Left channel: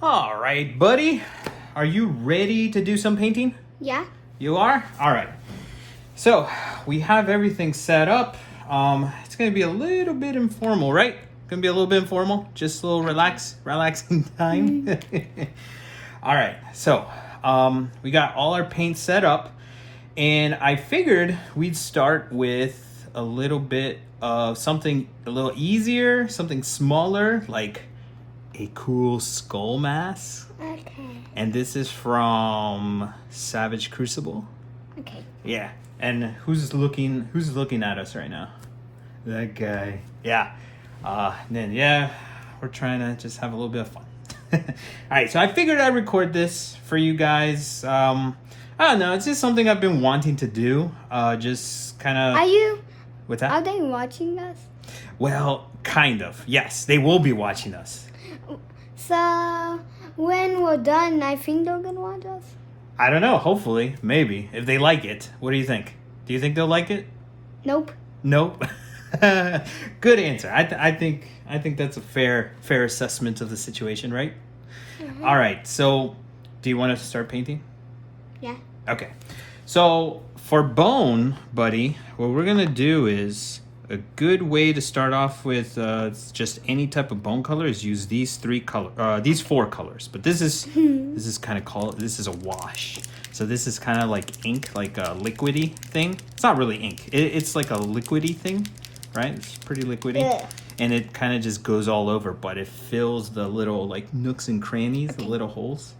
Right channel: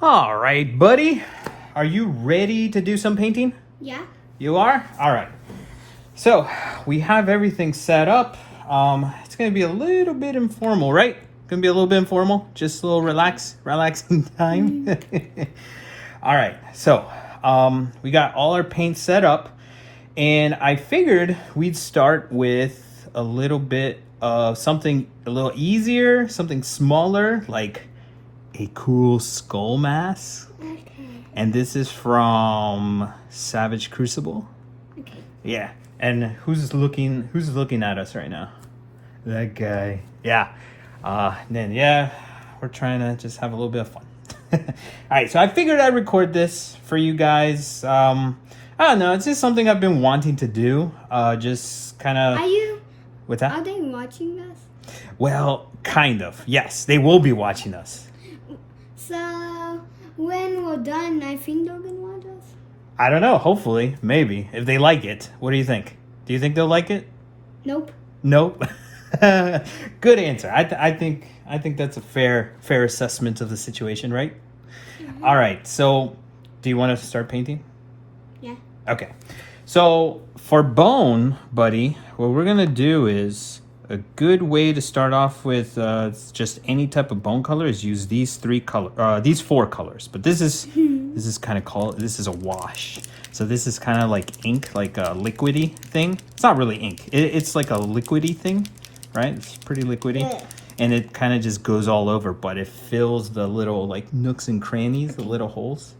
All right, buddy. Are you ready to do some painting? Yeah. You are? All right. So we have everything set up. It's going to be a little bit informal, right? Going to be a little bit informal. Just a little relaxing time. All right. So we got all our paint set up. And I figured we'd start with a little bit of something a little easier, something smaller, like a cool skull mask. Okay. And this is from Savage Crucible. Okay. Yeah. And who's looking at us right now? That guy. Yeah. We're trying to just have a little bit of fun. All right, so I figured I'd record this for you guys. I don't know, it's just something I've been wanting to do. Just kind of. Are you? What's that? Are they watching us? Well, kind of. Yes, they will be watching us. So when we're done, I think they're gonna watch us. I don't know. Hopefully, maybe if they like it. What do you think? Do you think they'll like it? Nope. Nope. Good answer. I think that's a fair assessment of the situation, right? Mm-hmm. All right. So, do you want to start painting? Yeah. Okay. So for bone, buddy, what we're gonna do is a good way to start off with just any type of bone color is use these four colors. But this is this is a wash. So this is kind of like ink, like a liquidy thing. It's not really ink. It's like a liquidy thing, right? It's pretty liquidy. Yeah. And it kind of just goes all over, but it fills the little like nooks and crannies, the little holes.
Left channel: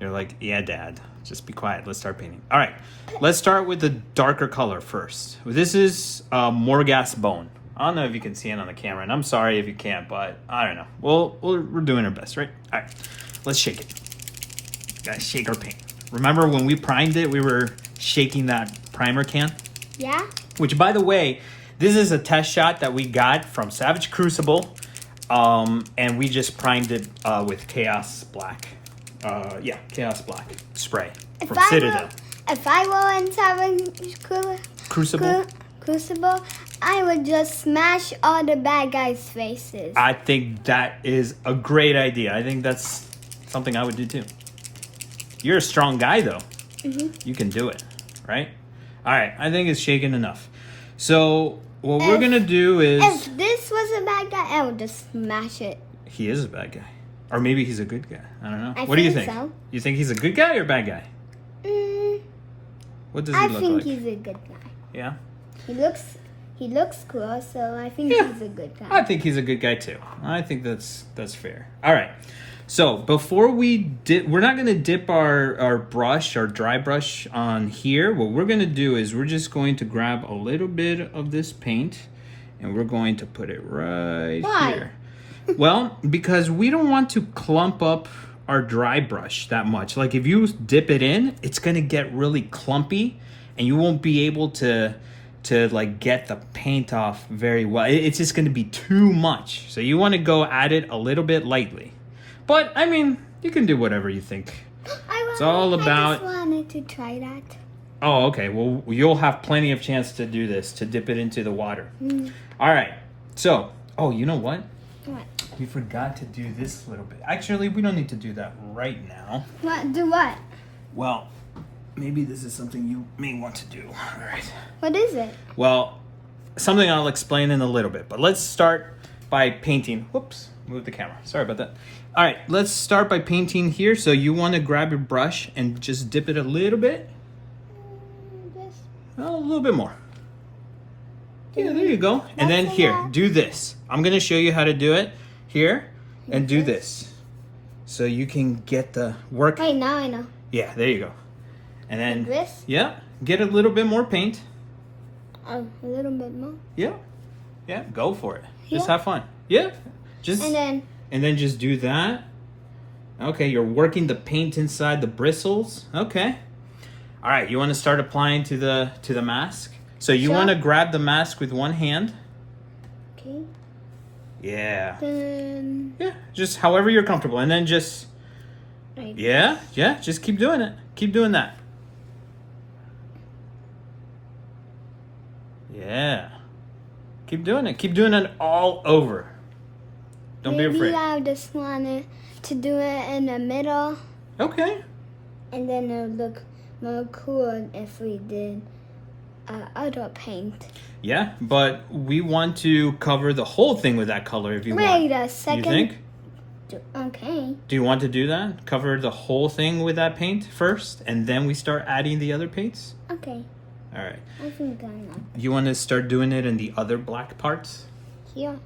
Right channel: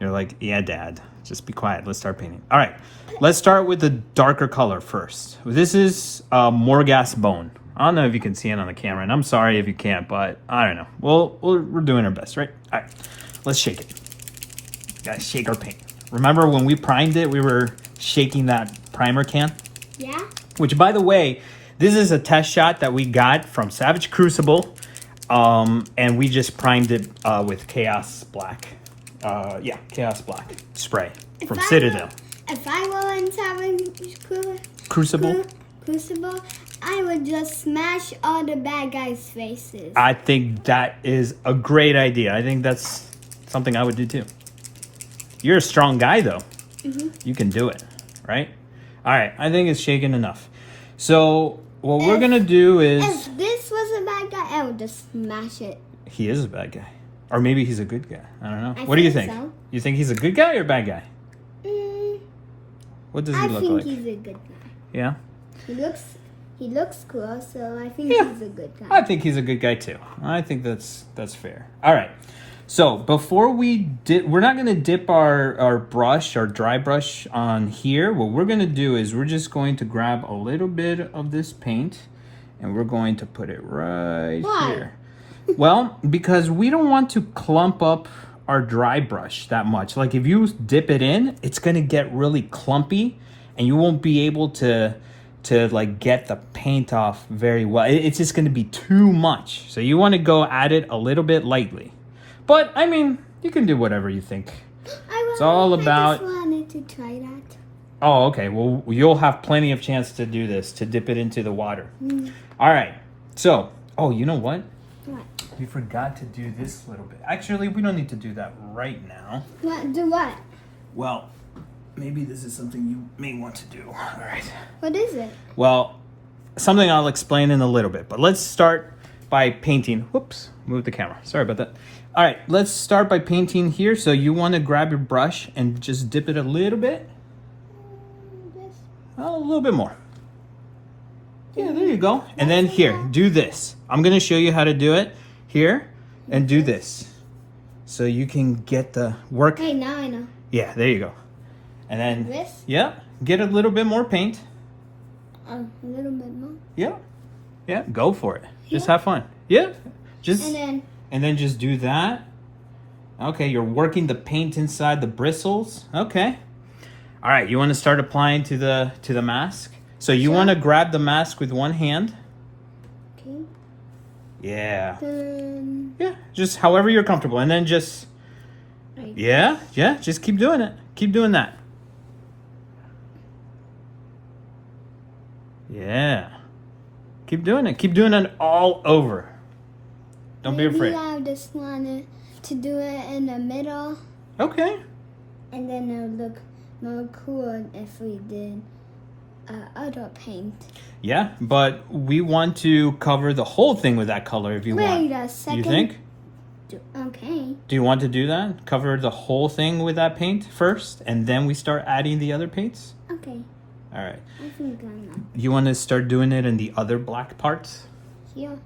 You're like, yeah, Dad, just be quiet. Let's start painting. All right, let's start with the darker color first. This is Morgas bone. I don't know if you can see it on the camera, and I'm sorry if you can't, but I don't know. We're doing our best, right? All right, let's shake it. Gotta shake our paint. Remember when we primed it, we were shaking that primer can? Yeah. Which, by the way, this is a test shot that we got from Savage Crucible, and we just primed it with Chaos Black. Chaos Black spray from Citadel. If I were in Savage Crucible, I would just smash all the bad guys' faces. I think that is a great idea. I think that's something I would do too. You're a strong guy, though. Mm-hmm. You can do it, right? All right, I think it's shaken enough. So what we're gonna do is, if this was a bad guy, I would just smash it. He is a bad guy. Or maybe he's a good guy. I don't know. I What do you think think? so. You think he's a good guy or a bad guy? What does he look like? I think he's a good guy. Yeah? He looks cool, so I think he's a good guy. I think he's a good guy too. I think that's fair. All right. So before we're not going to dip our brush, our dry brush on here. What we're going to do is we're just going to grab a little bit of this paint and we're going to put it right here. Well, because we don't want to clump up our dry brush that much. Like if you dip it in, it's going to get really clumpy and you won't be able to like get the paint off very well. It's just going to be too much. So you want to go at it a little bit lightly. But I mean, you can do whatever you think. It's all about. I just wanted to try that. Oh, okay. Well, you'll have plenty of chance to do this, to dip it into the water. All right. So, you know what? What? We forgot to do this little bit. Actually, we don't need to do that right now. What? Do what? Well, maybe this is something you may want to do. All right. What is it? Well, something I'll explain in a little bit. But let's start by painting. Whoops, move the camera. Sorry about that. All right, let's start by painting here. So you want to grab your brush and just dip it a little bit. A little bit more. Yeah, there you go. And then here, do this. I'm going to show you how to do it here and do this. So you can get the work. Wait, now I know. Yeah, there you go. And then, like this? Yeah, get a little bit more paint. A little bit more? Yeah, go for it. Just have fun. Yeah, and then just do that. Okay, you're working the paint inside the bristles. Okay. All right, you want to start applying to the mask. So you want to grab the mask with one hand. Okay. Yeah. Then. Yeah, just however you're comfortable, and then just. Like just keep doing it. Keep doing that. Yeah. Keep doing it. Keep doing it all over. Don't be Maybe afraid. I just wanted to do it in the middle, Okay. and then it would look more cool if we did other paint. Yeah, but we want to cover the whole thing with that color if you want. Wait a second. You think? Okay. Do you want to do that? Cover the whole thing with that paint first, and then we start adding the other paints? Okay. All right. I think I'm not You want to start doing it in the other black parts? here.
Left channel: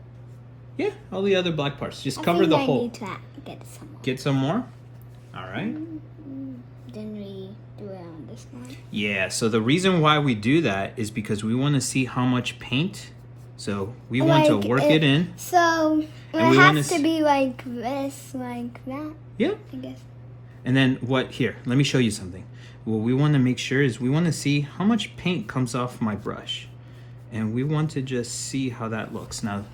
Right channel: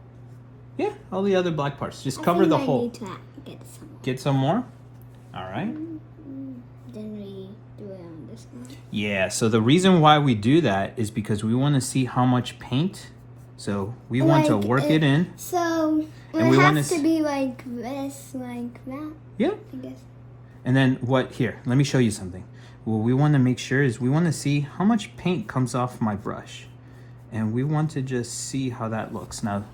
Yeah, all the other black parts. Just I cover think the I whole. need to get some more. Get some more? All right. Then we do it on this one. Yeah, so the reason why we do that is because we want to see how much paint. So we want to work it in. So And we it wanna has to be like this, like that. Yeah. I guess. And then what, here, let me show you something. What we want to make sure is we want to see how much paint comes off my brush. And we want to just see how that looks. Now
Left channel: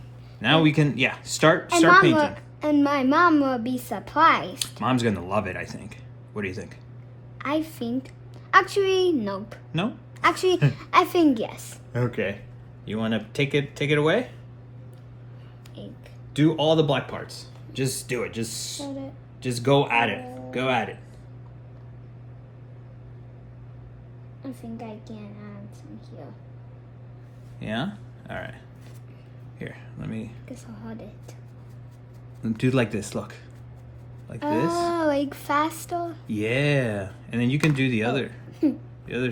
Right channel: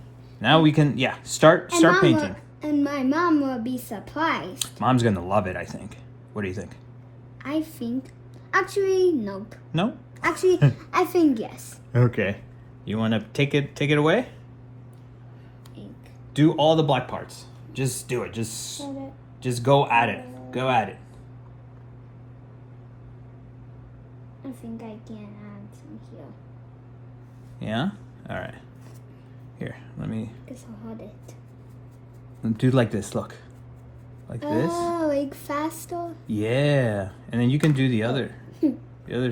we can, start painting. And my mom will be surprised. Mom's going to love it, I think. What do you think? I think. Actually, nope. No? Actually, I think yes. Okay. You want to take it away? Ink. Do all the black parts. Just do it. Set it. Just go at it. Go at it. I think I can add some here. Yeah? All right. Here, let me Guess I'll hold it. do like this. Look. Like this. Oh, like faster? Yeah. And then you can do the other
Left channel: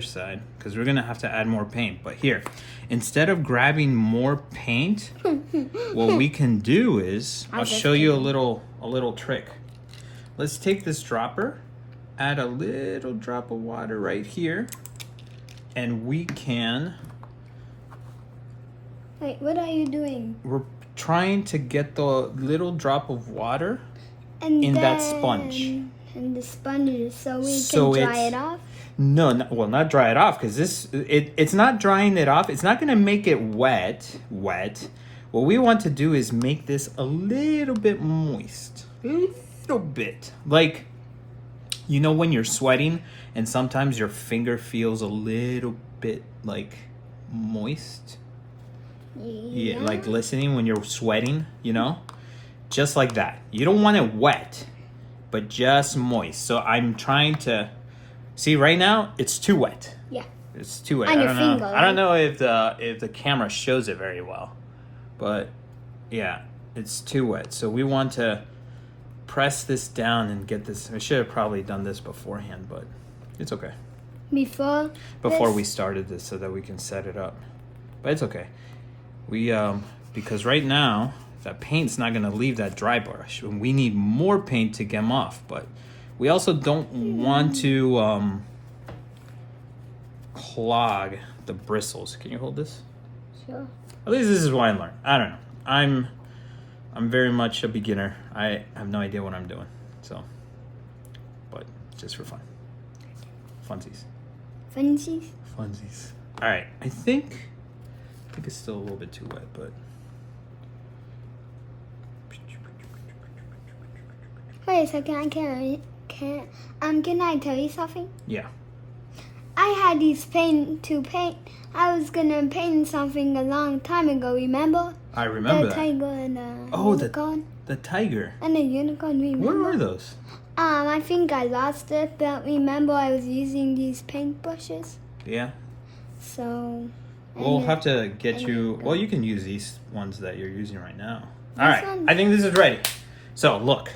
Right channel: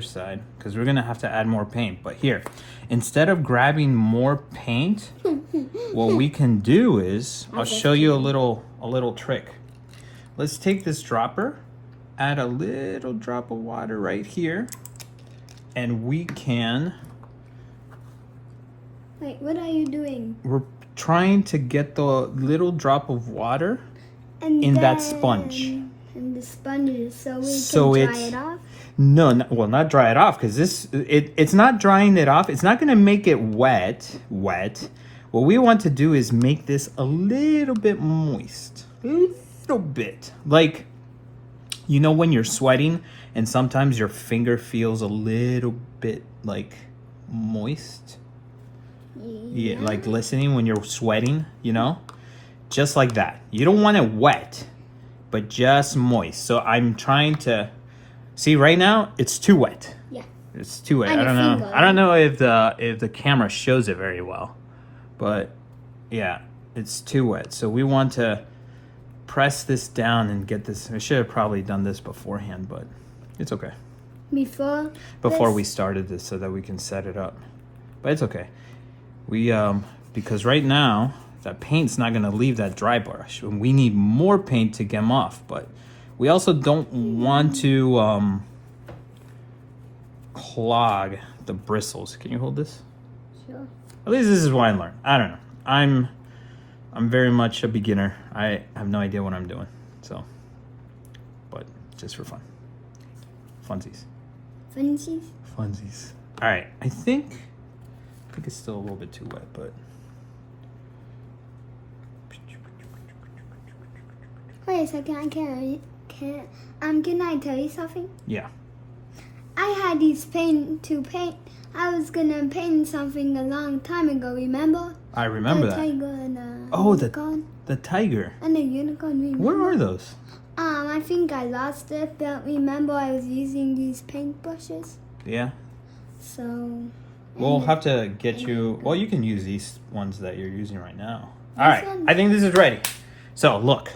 side, because we're going to have to add more paint. But here, instead of grabbing more paint, what we can do is, I'll show you a little trick. Let's take this dropper, add a little drop of water right here, and we can... Wait, what are you doing? We're trying to get the little drop of water And in that sponge. And the sponges, so we So can dry it's- it off? No, well, not dry it off, because it's not drying it off. It's not going to make it wet. What we want to do is make this a little bit moist. A little bit. Like, you know when you're sweating and sometimes your finger feels a little bit, like, moist? Yeah, like listening when you're sweating, you know? Just like that. You don't want it wet, but just moist. So I'm trying to... See, right now, it's too wet. Yeah. It's too wet. On your finger, I don't know if the camera shows it very well. But, yeah, it's too wet. So we want to press this down and get this... I should have probably done this beforehand, but it's okay. Before We started this so that we can set it up. But it's okay. We, because right now, that paint's not going to leave that dry brush. And we need more paint to get them off, but... We also don't want to clog the bristles. Can you hold this? Sure. At least this is what I learned. I don't know. I'm very much a beginner. I have no idea what I'm doing. So, but just for fun. Funsies. Funsies? Funsies. All right. I think it's still a little bit too wet, but. Wait a second, can I tell you something? Yeah. I had these to paint. I was gonna paint something a long time ago, remember? I remember The that. tiger and the Oh, unicorn. the tiger. And the unicorn, remember? Where are those? I think I lost it, but remember I was using these paint brushes. Yeah. So... We'll have to get you... Well, you can use these ones that you're using right now. This All right. one? I think this is ready. So, look.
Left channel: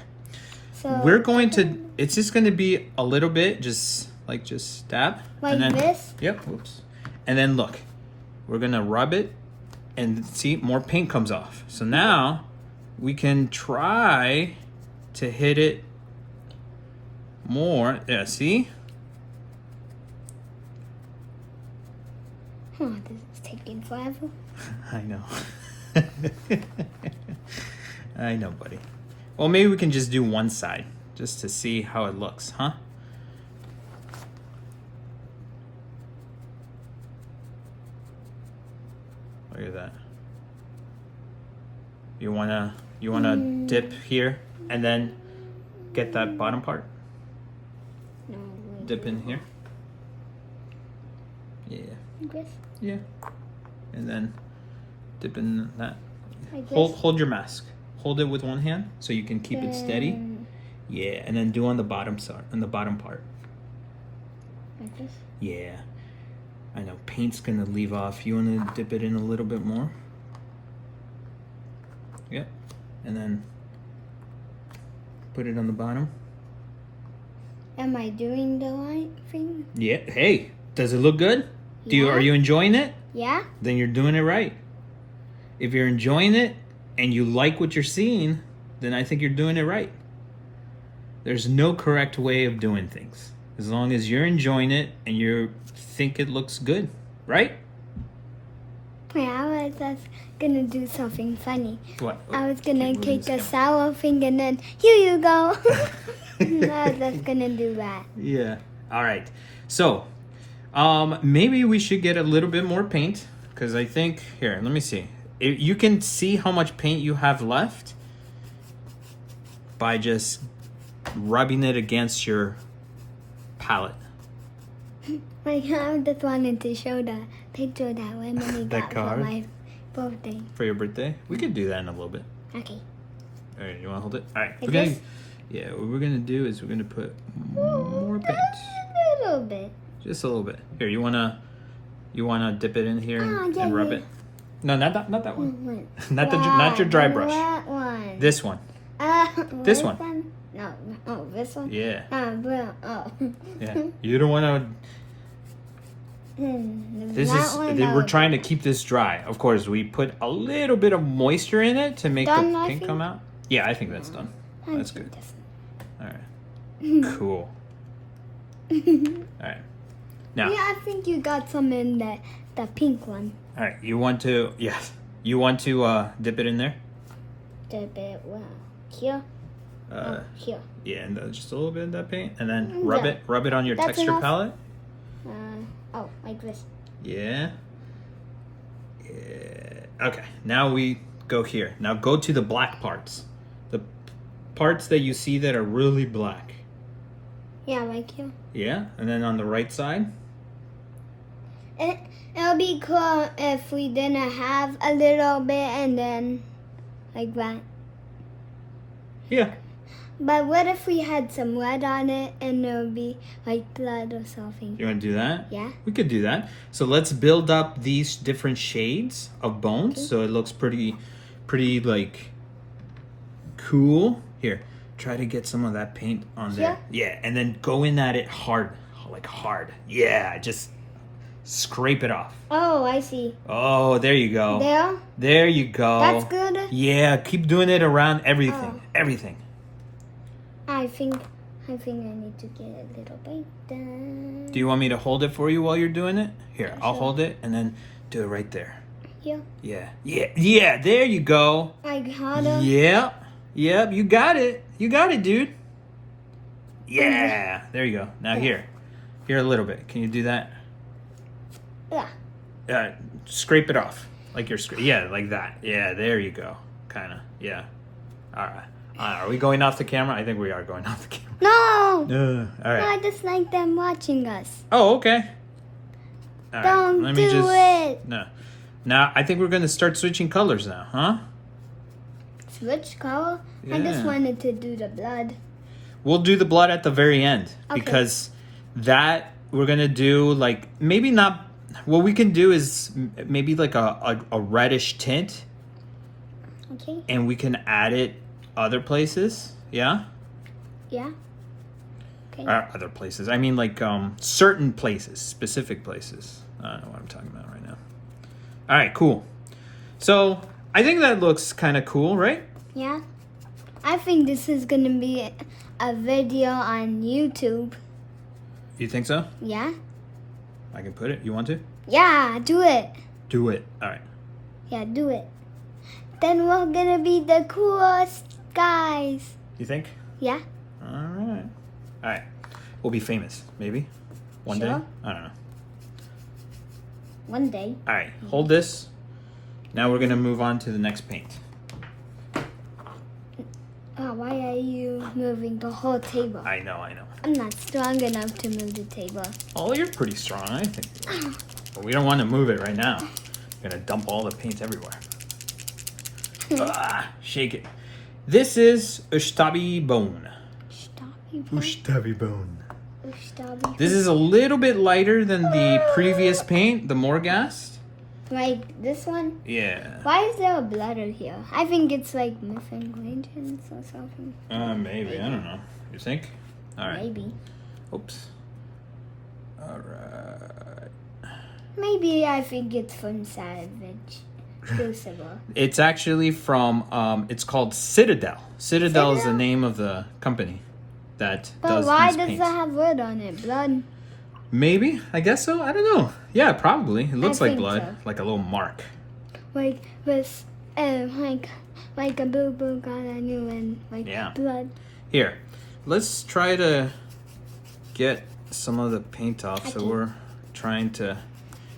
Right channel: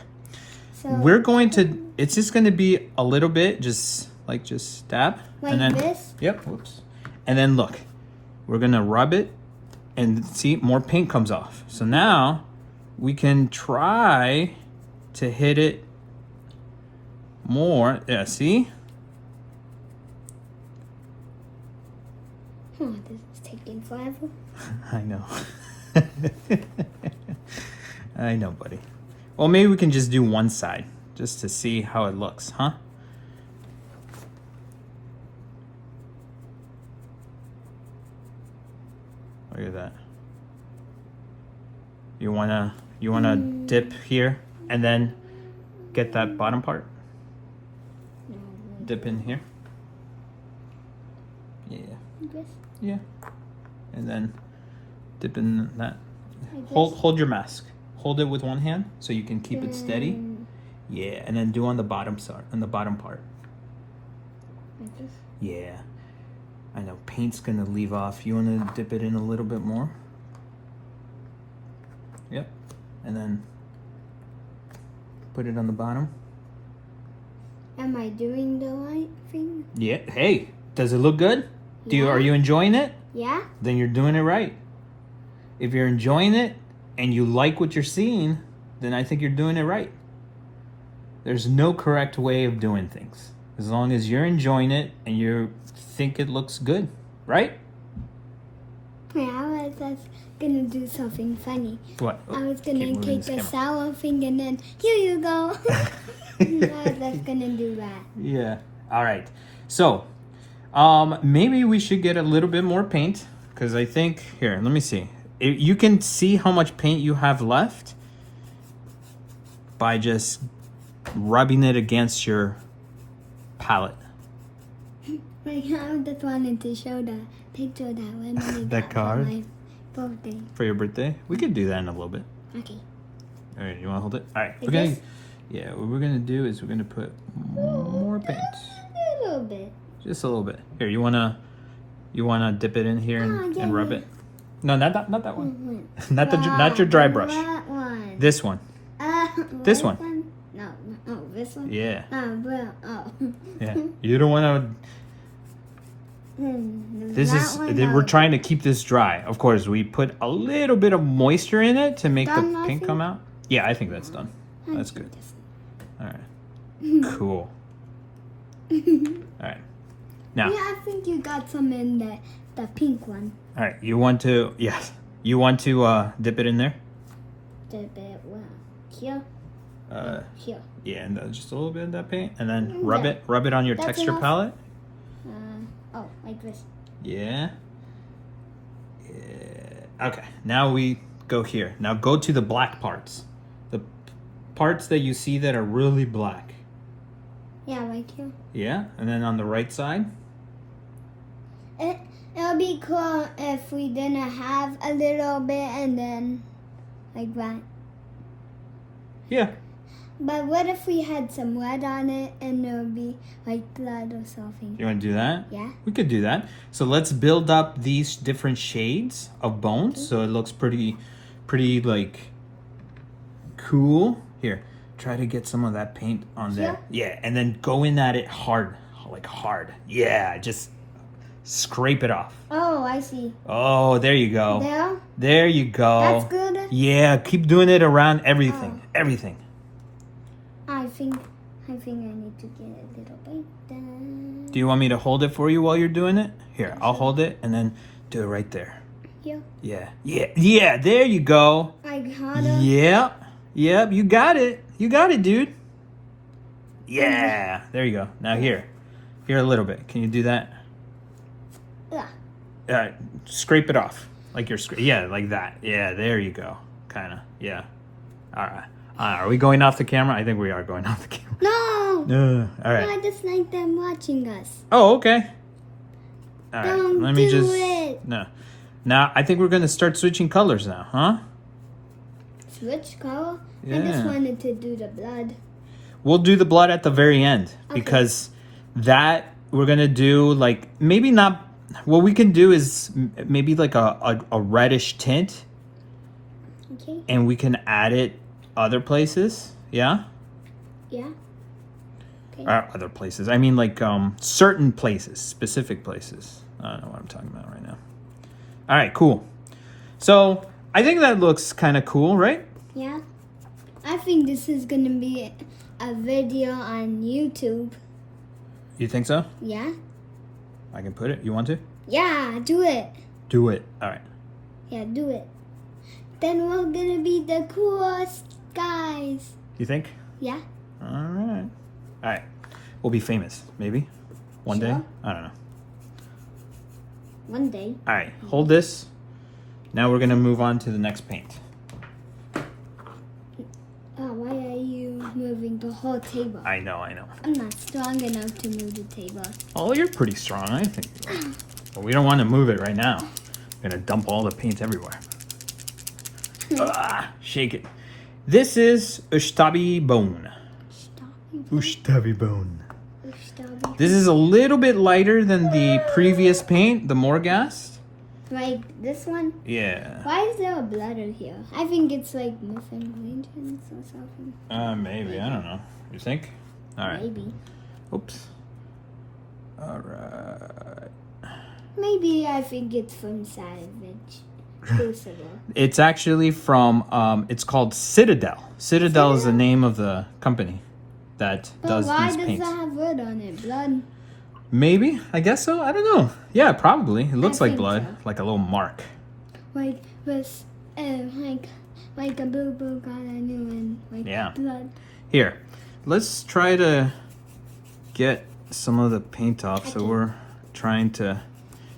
So We're going to... It's just going to be a little bit, just dab. like and then, this? Yep. Whoops. And then, look. We're going to rub it. And see, more paint comes off. So now, we can try to hit it more. Yeah, see? Oh, this is taking forever. I know. I know, buddy. Well, maybe we can just do one side, just to see how it looks, huh? Look at that. You wanna dip here and then get that bottom part? No, Dip in here. Yeah. This? Yeah. And then dip in that. Like this? Hold your mask. hold it with one hand so you can keep it steady. Yeah, and then do on the bottom side, on the bottom part. Like this? Yeah. I know paint's gonna leave off. You wanna dip it in a little bit more? Yep. And then put it on the bottom. Am I doing the right thing? Yeah. Hey, does it look good? Yeah. Are you enjoying it? Yeah? Then you're doing it right. If you're enjoying it and you like what you're seeing, then I think you're doing it right. There's no correct way of doing things. As long as you're enjoying it and you think it looks good, right? Wait, I was just gonna do something funny. What? I was gonna take a sour thing and then, here you go. I was just gonna do that. Yeah. All right. So, maybe we should get a little bit more paint because I think here. Let me see. You can see how much paint you have left by just rubbing it against your palette. Like, I just wanted to show the picture that Emily That got card? for my birthday. For your birthday, we could do that in a little bit. Okay. All right. You want to hold it? All right. Like Put it in- this? Yeah. What we're gonna do is we're gonna put more paint. A little bit. Just a little bit. Here, you wanna dip it in here and, yeah, and rub yeah. it? No, not that one. Wait. Not your dry brush. That one. This one. This one. No. Oh, this one? Yeah. Well, oh. Yeah. You don't want to. This is. We're trying to keep this dry. Of course, we put a little bit of moisture in it to make Done, the I paint think? come out. Yeah, I think that's done. That's good. All right. Cool. All right. Now. Yeah, I think you got some in the pink one. All right. You want to? Yes. You want to dip it in there? Dip it well. Here. Here. Yeah, and then just a little bit of that paint, and then Yeah. rub it on your That's texture enough. palette. Oh, like this. Yeah. Okay, now we go here. Now go to the black parts. The parts that you see that are really black. Yeah, like here. Yeah, and then on the right side. It'll be cool if we didn't have a little bit and then like that. Yeah. But what if we had some red on it and it would be like blood or something? You want to do that? Yeah. We could do that. So let's build up these different shades of bones Okay. so it looks pretty like cool. Here, try to get some of that paint on there. Yeah, and then go in at it hard, like hard. Yeah, just scrape it off. Oh, I see. Oh, there you go. There? There you go. That's good? Yeah, keep doing it around everything. Oh. Everything. I think I need to get a little bit done. Do you want me to hold it for you while you're doing it? Here, I'll Sure. hold it and then do it right there. Here. Yeah, there you go. Like harder? Yep, you got it. You got it, dude. Yeah, there you go. Now here a little bit. Can you do that? Yeah. All right, scrape it off. Like you're yeah, like that. Yeah, there you go. Kind of, yeah. All right. Are we going off the camera? I think we are going off the camera. No! All No, right. I just like them watching us. Oh, okay. All right, Don't let me do just- it. No. Now, I think we're going to start switching colors now, huh? Switch color? I just Yeah. wanted to do the blood. We'll do the blood at the very end Okay. because that we're going to do like maybe not. What we can do is maybe like a reddish tint Okay? and we can add it other places. Yeah? Yeah? Okay. Other places. I mean like certain places, specific places. I don't know what I'm talking about right now. All right, cool. So I think that looks kind of cool, right? Yeah? I think this is gonna be a video on YouTube. You think so? Yeah? I can put it. You want to? Yeah, do it. Do it. All right. Yeah, do it. Then we're gonna be the coolest guys. You think? Yeah? All right. All right. We'll be famous, maybe. One day. Sure. I don't know. One day. All right. Hold this. Now we're gonna move on to the next paint. Why are you moving the whole table? I know. I'm not strong enough to move the table. Oh, you're pretty strong, I think. But we don't want to move it right now. We're gonna dump all the paint everywhere. Shake it. This is Ustabi bone. Ustabi bone. Ustabi. This is a little bit lighter than the previous paint, the Morghast. Like this one? Yeah. Why is there a bladder here? I think it's like missing regions or something. Maybe. I don't know. You think? All right. Maybe. Oops. All right. Maybe I think it's from Savage. Crucible. It's actually from, it's called Citadel. Citadel is the name of the company that does why these does paints. that have blood on it? Blood? Maybe. I guess so. I don't know. Yeah, probably. It looks like think blood. so. Like a little mark. Like with, like a boo-boo got on you and like Yeah. blood. Here. Let's try to get some of the paint off. So we're trying to...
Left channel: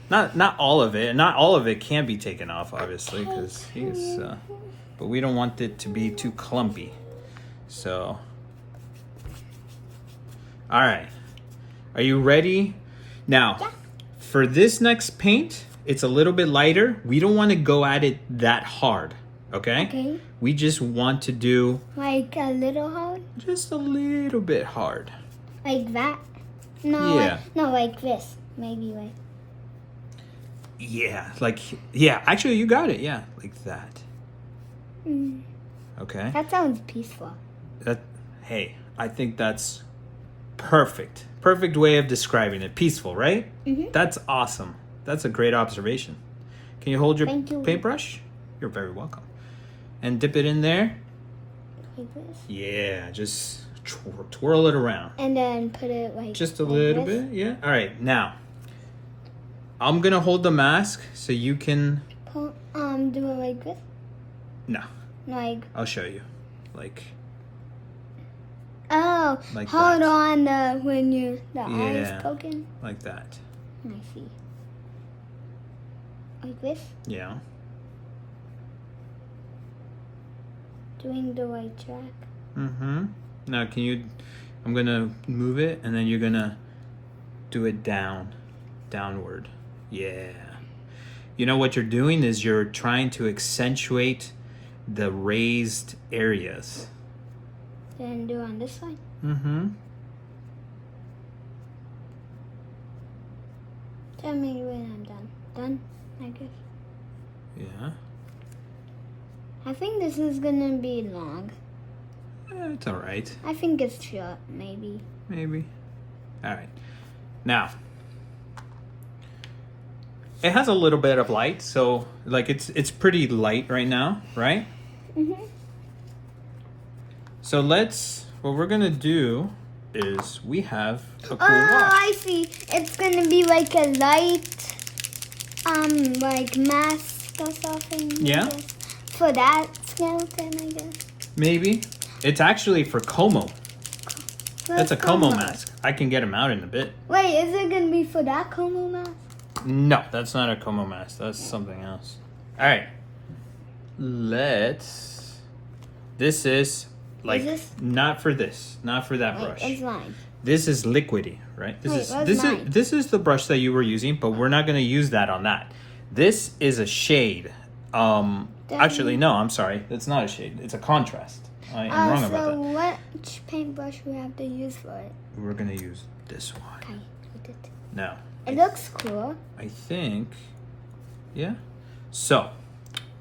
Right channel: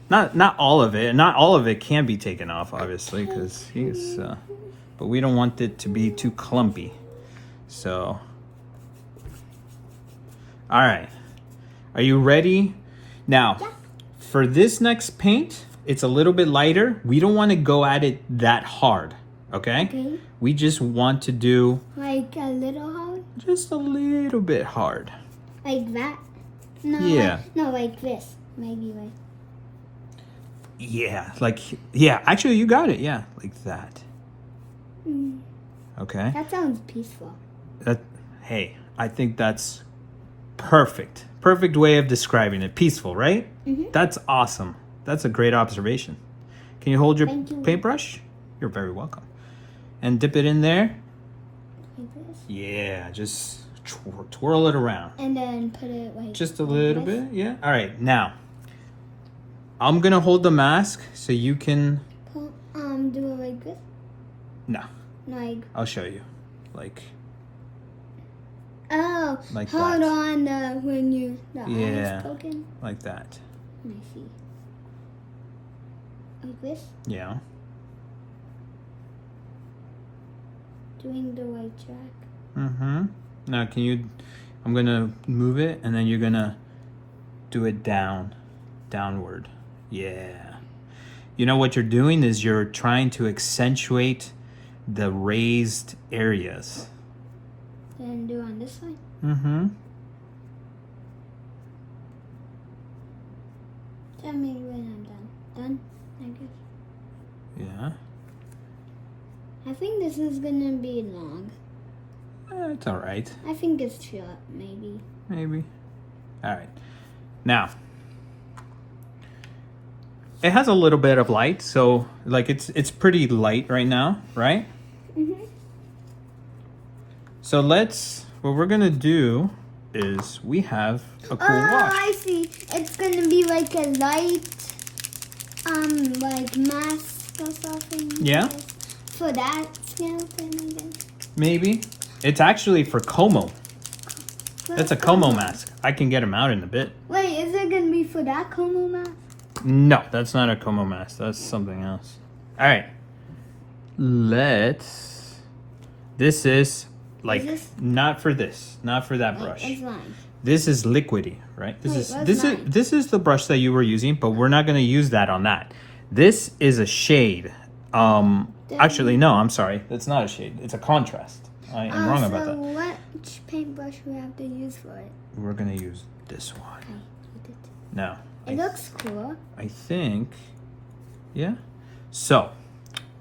Not all of it. Not all of it can be taken off, obviously, because he's... but we don't want it to be too clumpy. So... All right. Are you ready? Now, for this next paint, it's a little bit lighter. We don't want to go at it that hard, okay? Okay. We just want to do... Like a little hard? Just a little bit hard. Like that? No, Yeah. like this. Maybe like... Yeah, like... Yeah, actually, you got it. Yeah, like that. Okay? That sounds peaceful. Hey, I think that's perfect. Perfect way of describing it. Peaceful, right? Mm-hmm. That's awesome. That's a great observation. Can you hold your Thank you. paintbrush? You're very welcome. And dip it in there. Like this. Yeah, just twirl it around. And then put it like... Just a like little this. bit, yeah. All right, now I'm gonna hold the mask so you can. Do it like this? No, Like... I'll show you. Like Oh, Like hold that. on when the eye Yeah. is poking. like that. I see. Like this? Yeah. Doing the right track. Mm-hmm. Now can you? I'm gonna move it, and then you're gonna do it downward. Yeah. You know what you're doing is you're trying to accentuate the raised areas. Then do on this side. Mm-hmm. Tell me when I'm done. Done? I guess. Yeah. I think this is gonna be long. It's all right. I think it's short, maybe. Maybe. All right. Now, it has a little bit of light, so like it's pretty light right now, right? Mm-hmm. So what we're gonna do is we have a cool Oh, wash. I see. It's gonna be like a light, like mask or something. Yeah. For that skeleton, I guess. Maybe. It's actually for Como. That's a Como mask. I can get him out in a bit. Wait, is it gonna be for that Como mask? No, that's not a Como mask. That's something else. All right. This is like this? not for this, not for that Wait, brush. it's mine. This is liquidy, right? Wait, where's mine? This is the brush that you were using, but we're not going to use that on that. This is a shade. Actually, no, I'm sorry. That's not a shade. It's a contrast. I'm wrong about So that. which paintbrush we have to use for it? We're going to use this one. Okay, we did. Now, It looks cool. I think, yeah. So,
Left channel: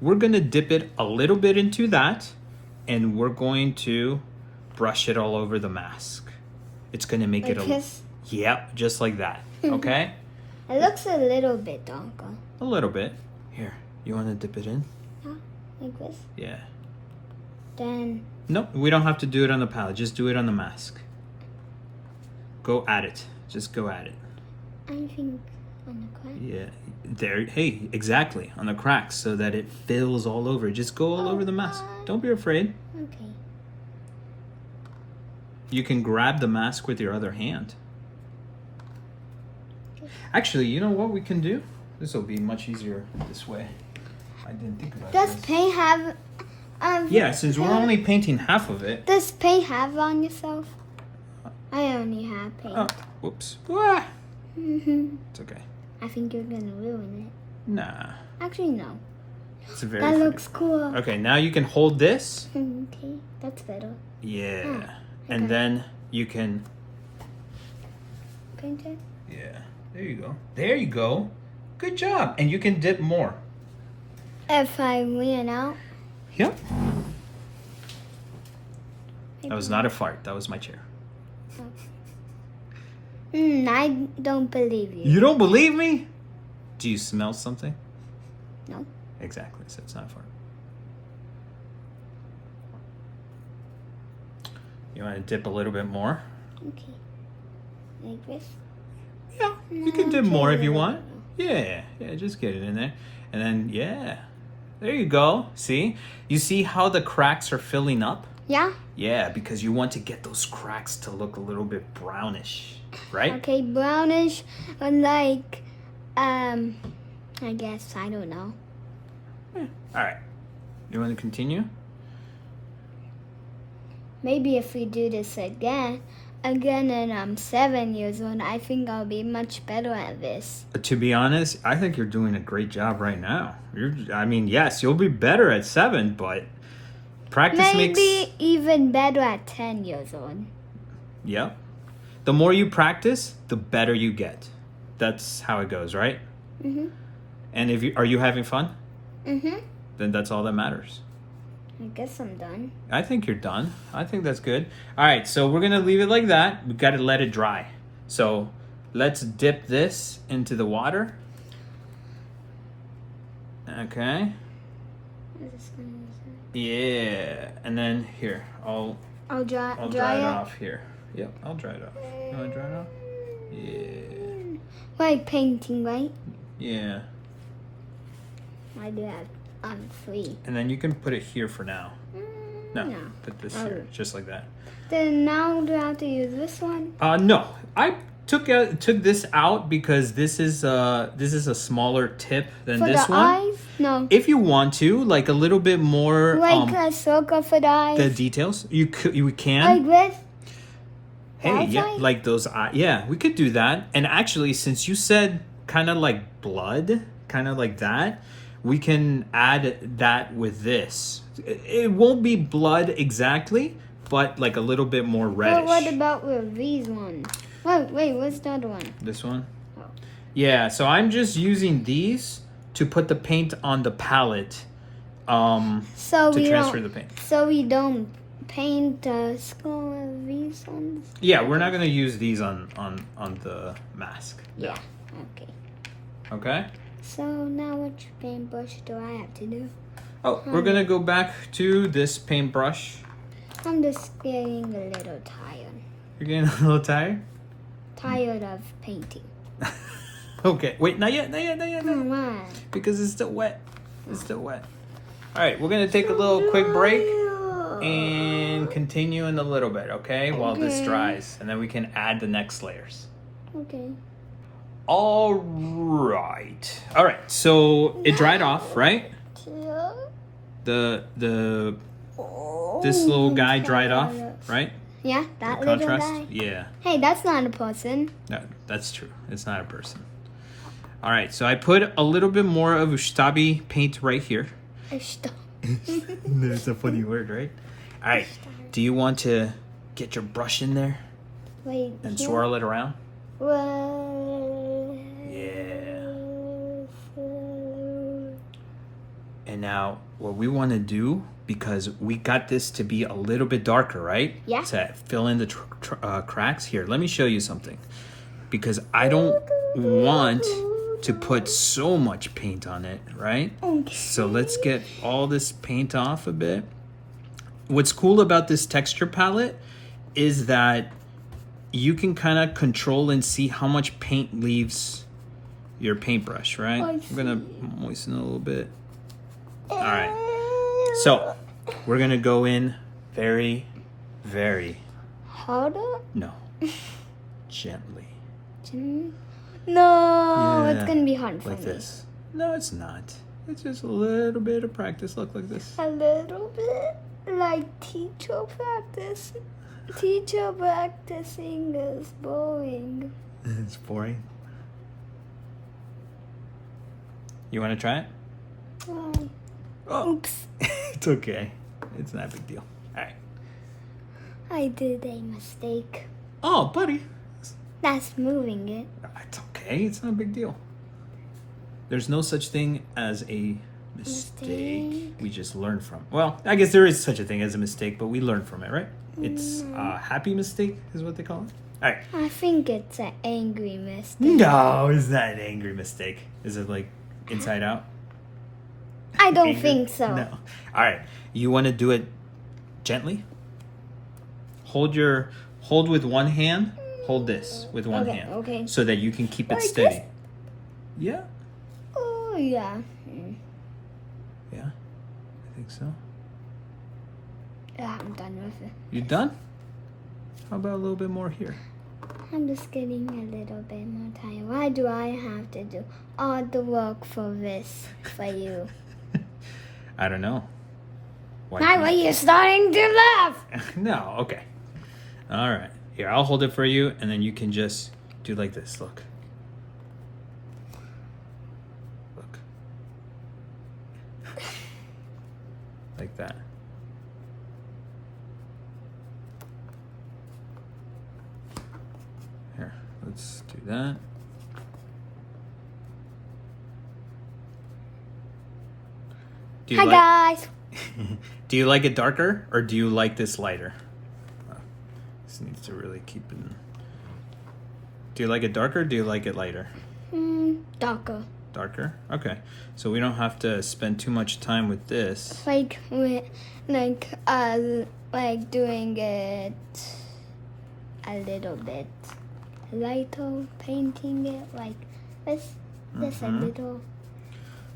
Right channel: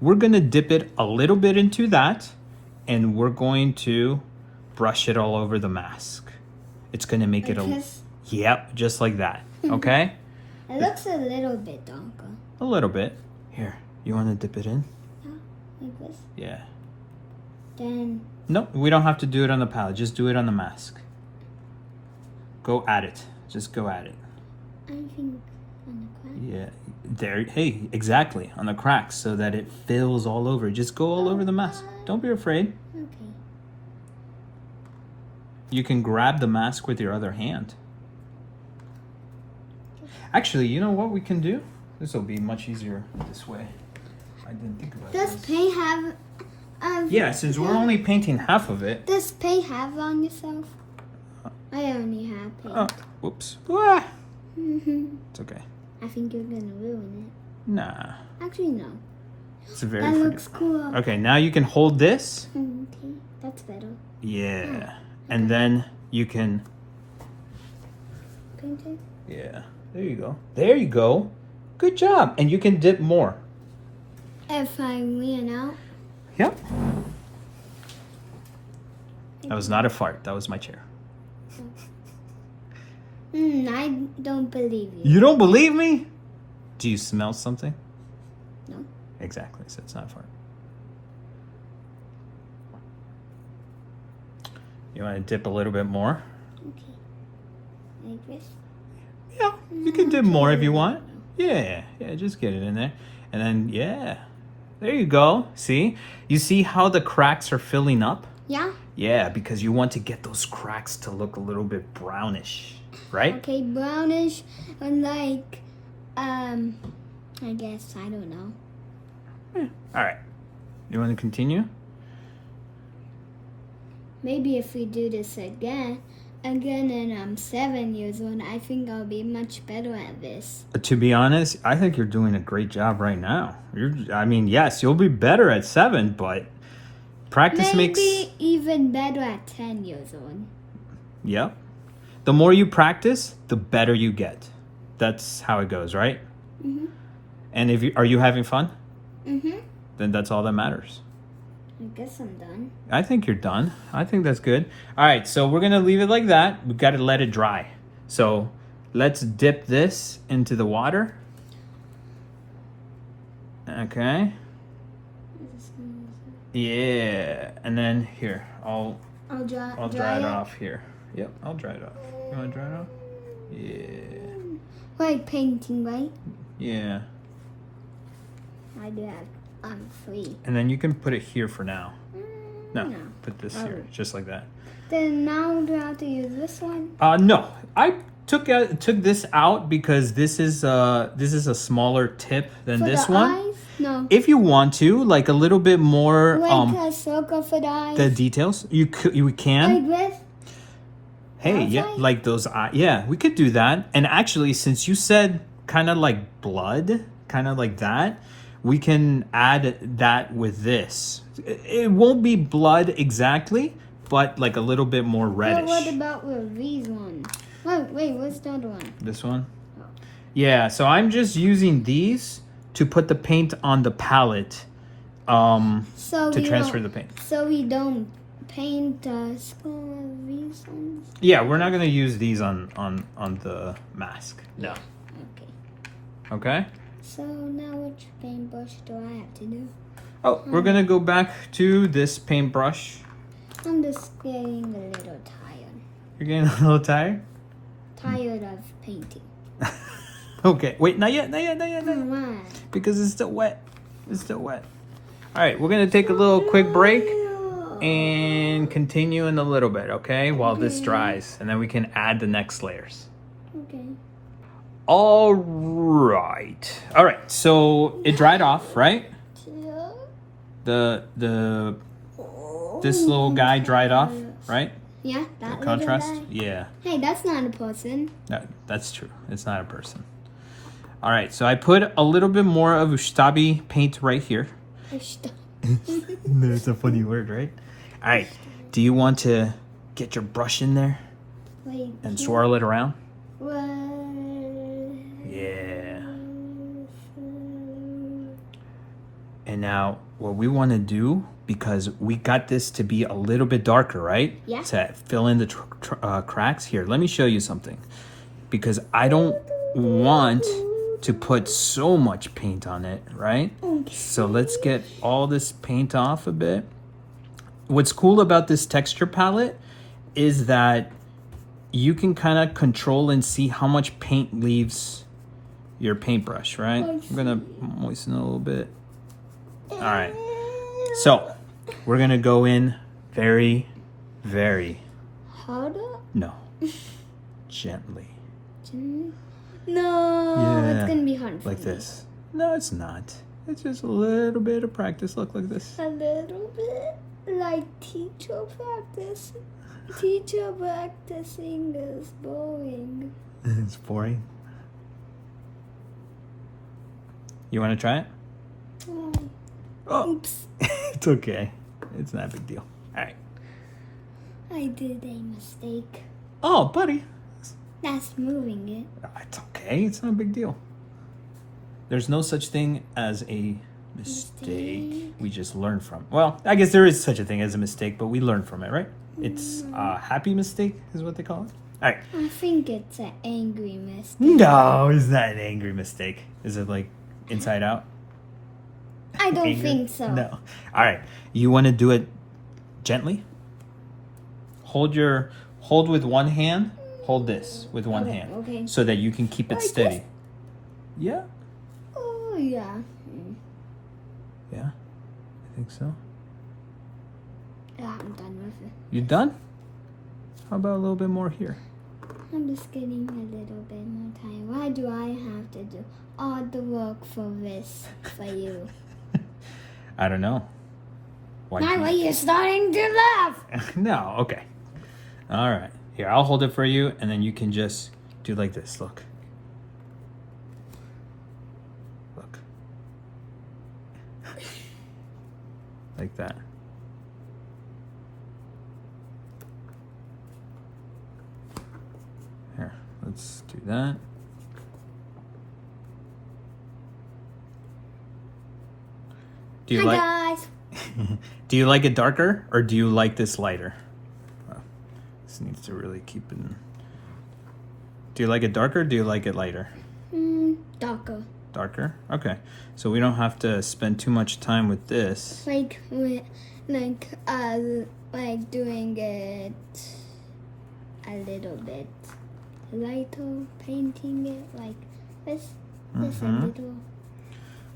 we're going to dip it a little bit into that, and we're going to brush it all over the mask. It's going to make Like it this? Yep, just like that. Okay? It looks a little bit darker. A little bit. Here, you want to dip it in? Like this. Yeah. Then No, we don't have to do it on the palette. Just do it on the mask. Go at it. Just go at it. I think on the crack. Yeah. There. Hey, exactly. On the cracks so that it fills all over. Just go all over the mask. Don't be afraid. Okay. You can grab the mask with your other hand. Actually, you know what we can do? This will be much easier this way. I didn't think about Does this. paint have? Yeah, since we're only painting half of it. Does paint have on yourself? I only have paint. Oh, whoops. Ah, Mhm. it's okay. I think you're gonna ruin Nah. it. Actually, no. It's very That pretty. looks cool. Okay, now you can hold this. Okay, that's better. Yeah. Oh, And okay. then you can, Paint it. yeah, there you go. There you go. Good job. And you can dip more. If I ran out. Yep. That was not a fart. That was my chair. I don't believe you. You don't believe me? Do you smell something? No. Exactly. So it's not a fart. You want to dip a little bit more? Okay. Like this? Yeah. You can dip more if you Okay. want. Yeah. Yeah, just get it in there. And then, yeah. There you go. See? You see how the cracks are filling up? Yeah? Yeah, because you want to get those cracks to look a little bit brownish, right? Okay, brownish and like, I guess, I don't know. Yeah. All right. You want to continue? Maybe if we do this again and I'm 7 years old, I think I'll be much better at this. To be honest, I think you're doing a great job right now. I mean, yes, you'll be better at 7, but practice makes... Maybe even better at 10 years old. Yeah. The more you practice, the better you get. That's how it goes, right? Mhm. And are you having fun? Mhm. Then that's all that matters. I guess I'm done. I think you're done. I think that's good. All right, so we're gonna leave it like that. We've got to let it dry. So let's dip this into the water. Okay. Yeah, and then here, I'll Dry dry it it. off here. Yep, I'll dry it off. You wanna dry it off? Yeah. Like painting, right? Yeah. I do have. I'm free. And then you can put it here for now. No, No. put this Oh. here, just like that. Then now do I have to use this one? No, I took this out because this is a smaller tip than For this the one. eyes? No. If you want to, like a little bit more, Like a circle for the eyes? the details, you can. Like this? Hey, yeah, outside? like those. Yeah, we could do that. And actually, since you said kind of like blood, kind of like that, we can add that with this. It won't be blood exactly, but like a little bit more reddish. But what about with these ones? Wait, what's the other one? This one? Oh. Yeah, so I'm just using these to put the paint on the palette So to we transfer don't. the paint. So we don't paint the skull with these ones. Yeah, we're not going to use these on the mask. Yeah. Okay. Okay? So now which paintbrush do I have to do? Oh, we're going to go back to this paintbrush. I'm just getting a little tired. You're getting a little tired? Tired of painting. Okay, wait, not yet. Come on. Because it's still wet. It's still wet. All right, we're going to take a little quick break and continue in a little bit, okay? While this Okay. dries. And then we can add the next layers. Okay. All right. All right. So it dried off, right? The this little guy dried off, right? Yeah, that The little contrast. guy. Yeah. Hey, that's not a person. That's true. It's not a person. All right. So I put a little bit more of Ustabi paint right here. There's a funny word, right? All right. Do you want to get your brush in there Wait. and here? swirl it around? Well, Yeah. And now what we want to do, because we got this to be a little bit darker, right? Yeah. To fill in the cracks here. Let me show you something. Because I don't want to put so much paint on it, right? Okay. So let's get all this paint off a bit. What's cool about this texture palette is that you can kind of control and see how much paint leaves your paintbrush, right? I I'm gonna moisten it a little bit. All right. So we're gonna go in very, very Harder? no, gently. No, it's Yeah, gonna be hard for like me. this. No, it's not. It's just a little bit of practice. Look like this. A little bit like teacher practice. Teacher practicing is boring. It's boring. You want to try it? Why? Oh, Oops. it's okay. It's not a big deal. All right. I did a mistake. Oh, buddy. That's moving it. It's okay. It's not a big deal. There's no such thing as a mistake. We just learn from. Well, I guess there is such a thing as a mistake, but we learn from it, right? It's a happy mistake, is what they call it. All right. I think it's an angry mistake. No, it's not an angry mistake. Is it like inside out? I don't Angry? think so. No. All right. You want to do it gently? Hold with one hand. Hold this with one hand. Okay. So that you can keep it Like steady. this? Yeah. Oh, yeah. Yeah. I think so. Yeah, I'm done with it. You done? How about a little bit more here? I'm just getting a little bit more tired. Why do I have to do all the work for this for you? I don't know. Why Now not? are you starting to laugh? No, okay. All right. Here, I'll hold it for you, and then you can just do like this. Look. Look. Like that. Here, let's do that. Do you Hi, like, guys. do you like it darker, or do you like this lighter? This needs to really keep it. Do you like it darker, or do you like it lighter? Darker. Darker? Okay. So we don't have to spend too much time with this. Like doing it a little bit lighter, painting it like this, a little.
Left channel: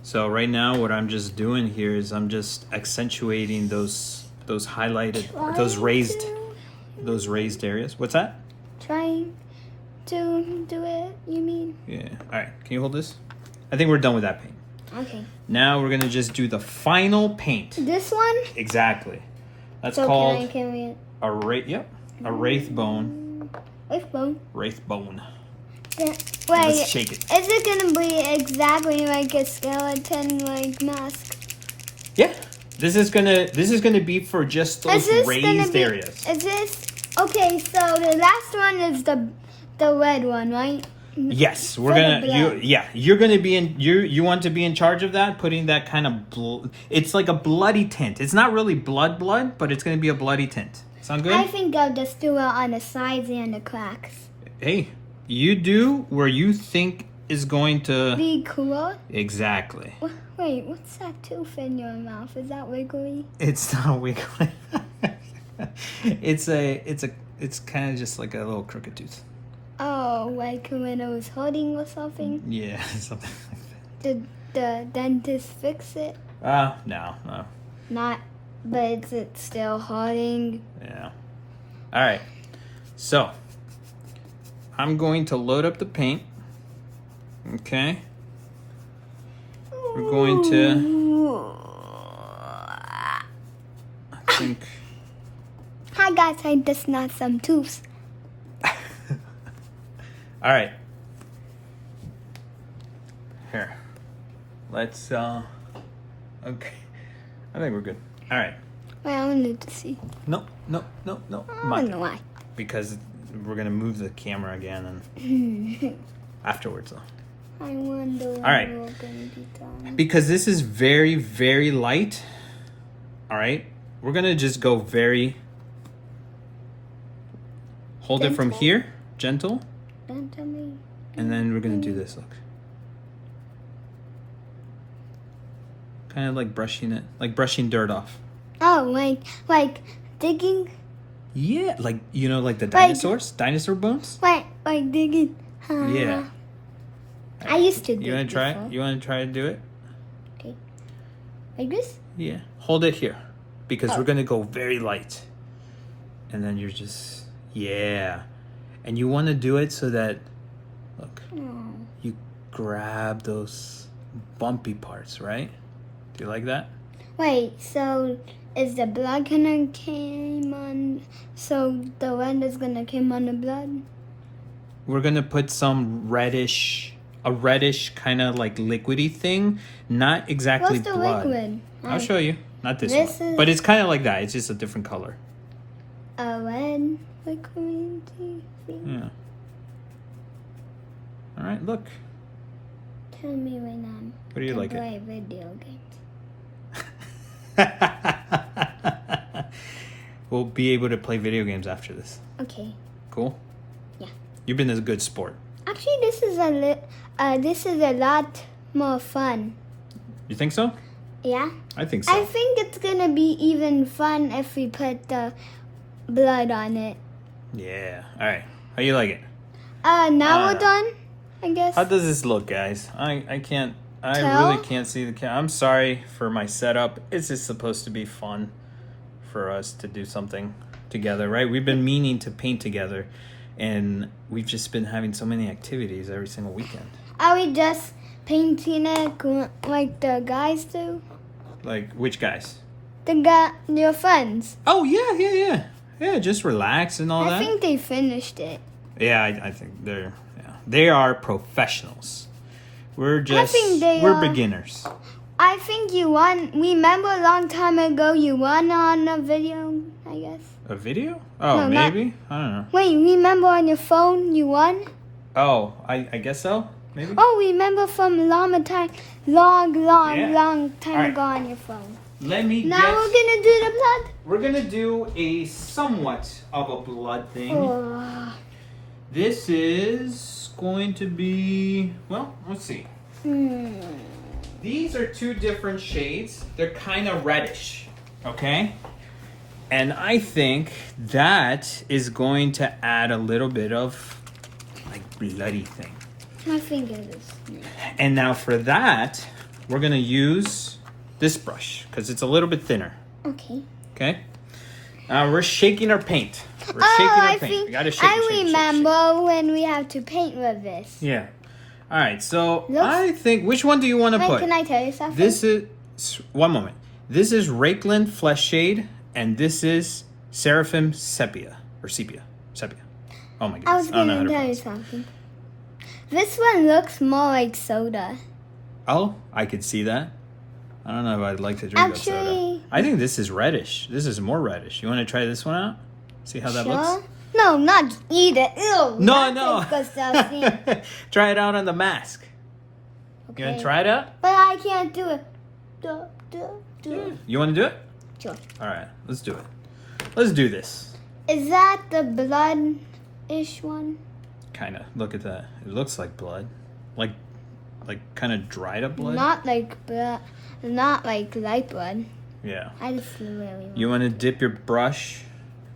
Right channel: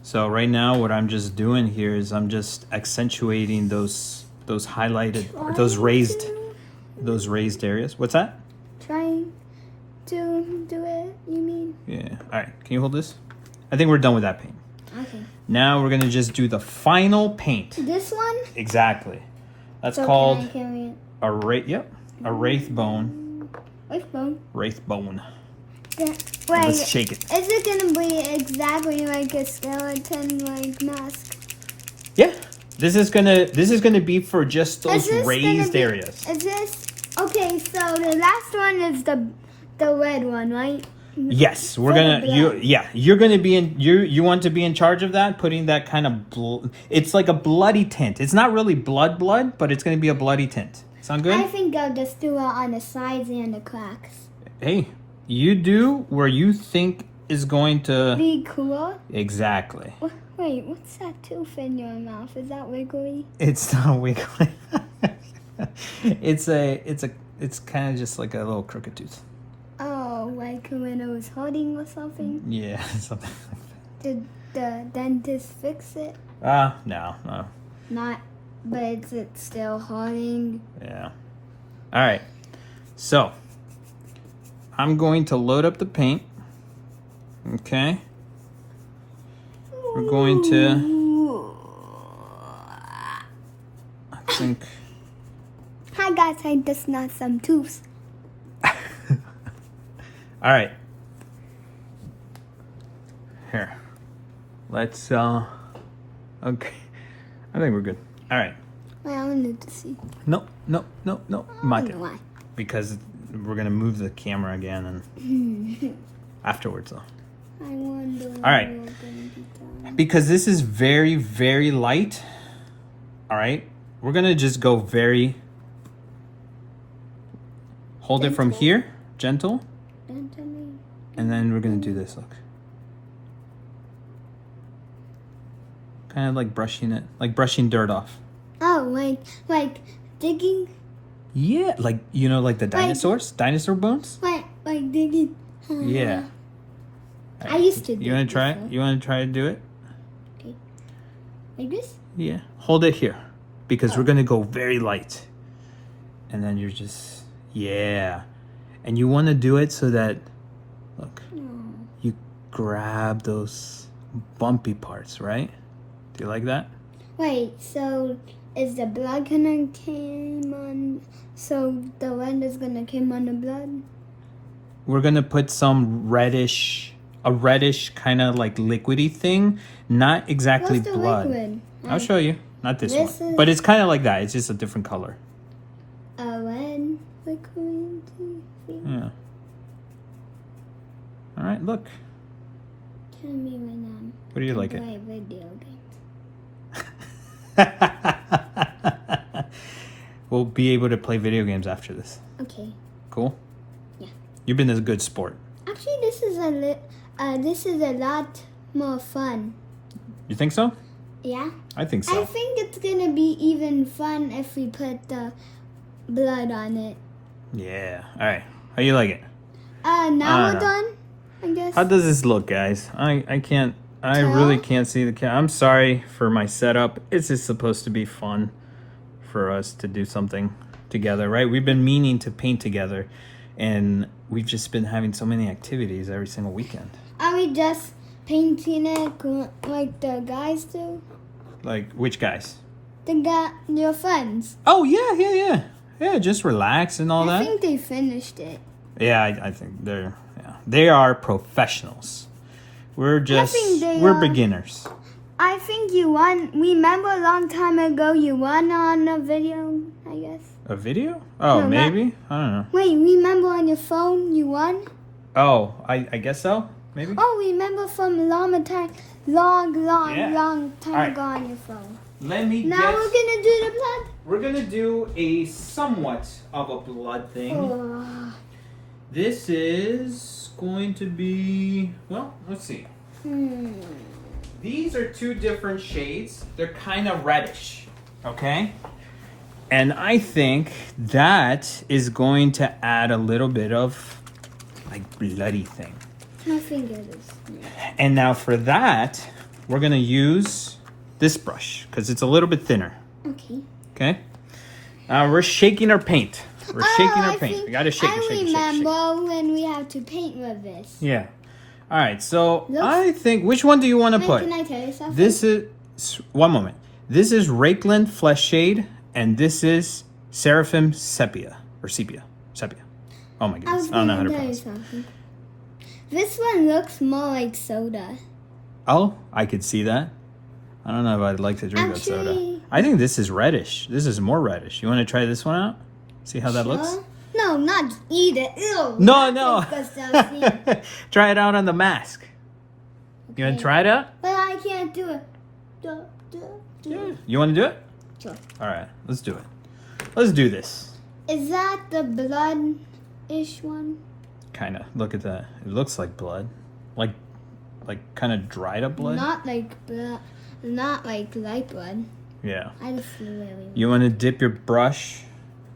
So right now what I'm just doing here is I'm just accentuating those highlighted, those raised areas. What's that? Trying to do it, you mean? Yeah. All right. Can you hold this? I think we're done with that paint. Okay. Now we're gonna just do the final paint. This one? Exactly. That's So called can we a wraith. Yep. A wraith bone. with bone? Wraith bone. Wait, Just shake it. is it gonna be exactly like a skeleton like mask? Yeah. This is gonna be for just those raised areas. Is this okay? So the last one is the red one, right? Yes, we're For the gonna. blood. You're gonna be in. You want to be in charge of that, putting that kind of. It's like a bloody tint. It's not really blood, but it's gonna be a bloody tint. Sound good? I think I'll just do it on the sides and the cracks. Hey, you do where you think is going to. Be cool. Exactly. Wait, what's that tooth in your mouth? Is that wiggly? It's not wiggly. It's kind of just like a little crooked tooth. Oh, like when I was holding or something? Yeah, something. Did the dentist fix it? No. Not, but is it still hurting? Yeah. All right. So, I'm going to load up the paint. Okay. We're going to. I think. Hi guys, I just knocked some tooths. All right. Here. Let's. Okay. I think we're good. All right. Wait, I wanted to see. No. I don't know why. Because we're gonna move the camera again and afterwards. I wonder when right. we're gonna be done. Because this is very, very light. All right. We're gonna just go very. Hold it from Gentle. here, gentle, Don't tell me. and then we're gonna do this. Look. Kind of like brushing it, like brushing dirt off. Oh, like digging. Yeah, like like the dinosaurs, dinosaur bones. Like digging. Yeah. I used to do. You want to try before. it? You want to try to do it? Okay. Like this? Yeah. Hold it here, because Oh. we're gonna go very light, and then you're just and you want to do it so that look, you grab those bumpy parts, right? Do you like that? Wait, so is the blood gonna come on? So the red is gonna come on the blood? We're gonna put some reddish a reddish kind of like liquidy thing. Not exactly What's the blood. liquid? I'll show you. Not this This one. is- But it's kind of like that. It's just a different color. A red liquid thing. Yeah. All right, look. Tell me when What do you I like it? play video games. We'll be able to play video games after this. Okay. Cool? Yeah. You've been a good sport. Actually, this is a lot more fun. You think so? Yeah. I think so. I think it's gonna be even fun if we put the blood on it. Yeah. All right. How you like it? Now we're know. done, I guess. How does this look, guys? I can't. I Tell? really can't see the camera. I'm sorry for my setup. It's just supposed to be fun for us to do something together, right? We've been meaning to paint together, and we've just been having so many activities every single weekend. Are we just painting it like the guys do? Like which guys? Your friends. Oh yeah. Just relax and all I that. think they finished it. Yeah, I think they are professionals. We're just think they we're are. beginners. I think you won. Remember a long time ago you won on a video, I guess. A video? Oh, No, not- maybe. I don't know. Wait, remember on your phone you won? Oh, I guess so. Maybe. Oh, remember from long time Yeah. long time Alright. ago on your phone. Let me Now we're gonna do the blood. We're gonna do a somewhat of a blood thing. Oh. This is going to be, well, let's see. These are two different shades. They're kind of reddish, okay? And I think that is going to add a little bit of like bloody thing. My fingers is. And now for that, we're gonna use this brush because it's a little bit thinner, Okay. okay? We're shaking our paint. We're Oh, shaking I our paint. think We gotta shake, I shake, shake, remember when we have to paint with this. shake. Yeah. All right. So Looks- I think which one do you want to Wait, put? can I tell you something? This is one moment. This is Rakeland Flesh Shade, and this is Seraphim Sepia or Sepia. Oh my goodness. I was don't know how gonna to tell you pronounce it. something. This one looks more like soda. Oh, I could see that. I don't know if I'd like to drink that soda. Actually- I think this is reddish. This is more reddish. You want to try this one out? See how that looks? No, not eat it. Ew. No, that's disgusting. no. Try it out on the mask. You want to try it out? But I can't do it. Do it. You want to do it? Sure. All right, let's do it. Let's do this. Is that the blood-ish one? Kind of. Look at that. It looks like blood. Like kind of dried up blood. Not like blood. Not like light blood. Yeah. I just feel really weird. You want to dip your brush?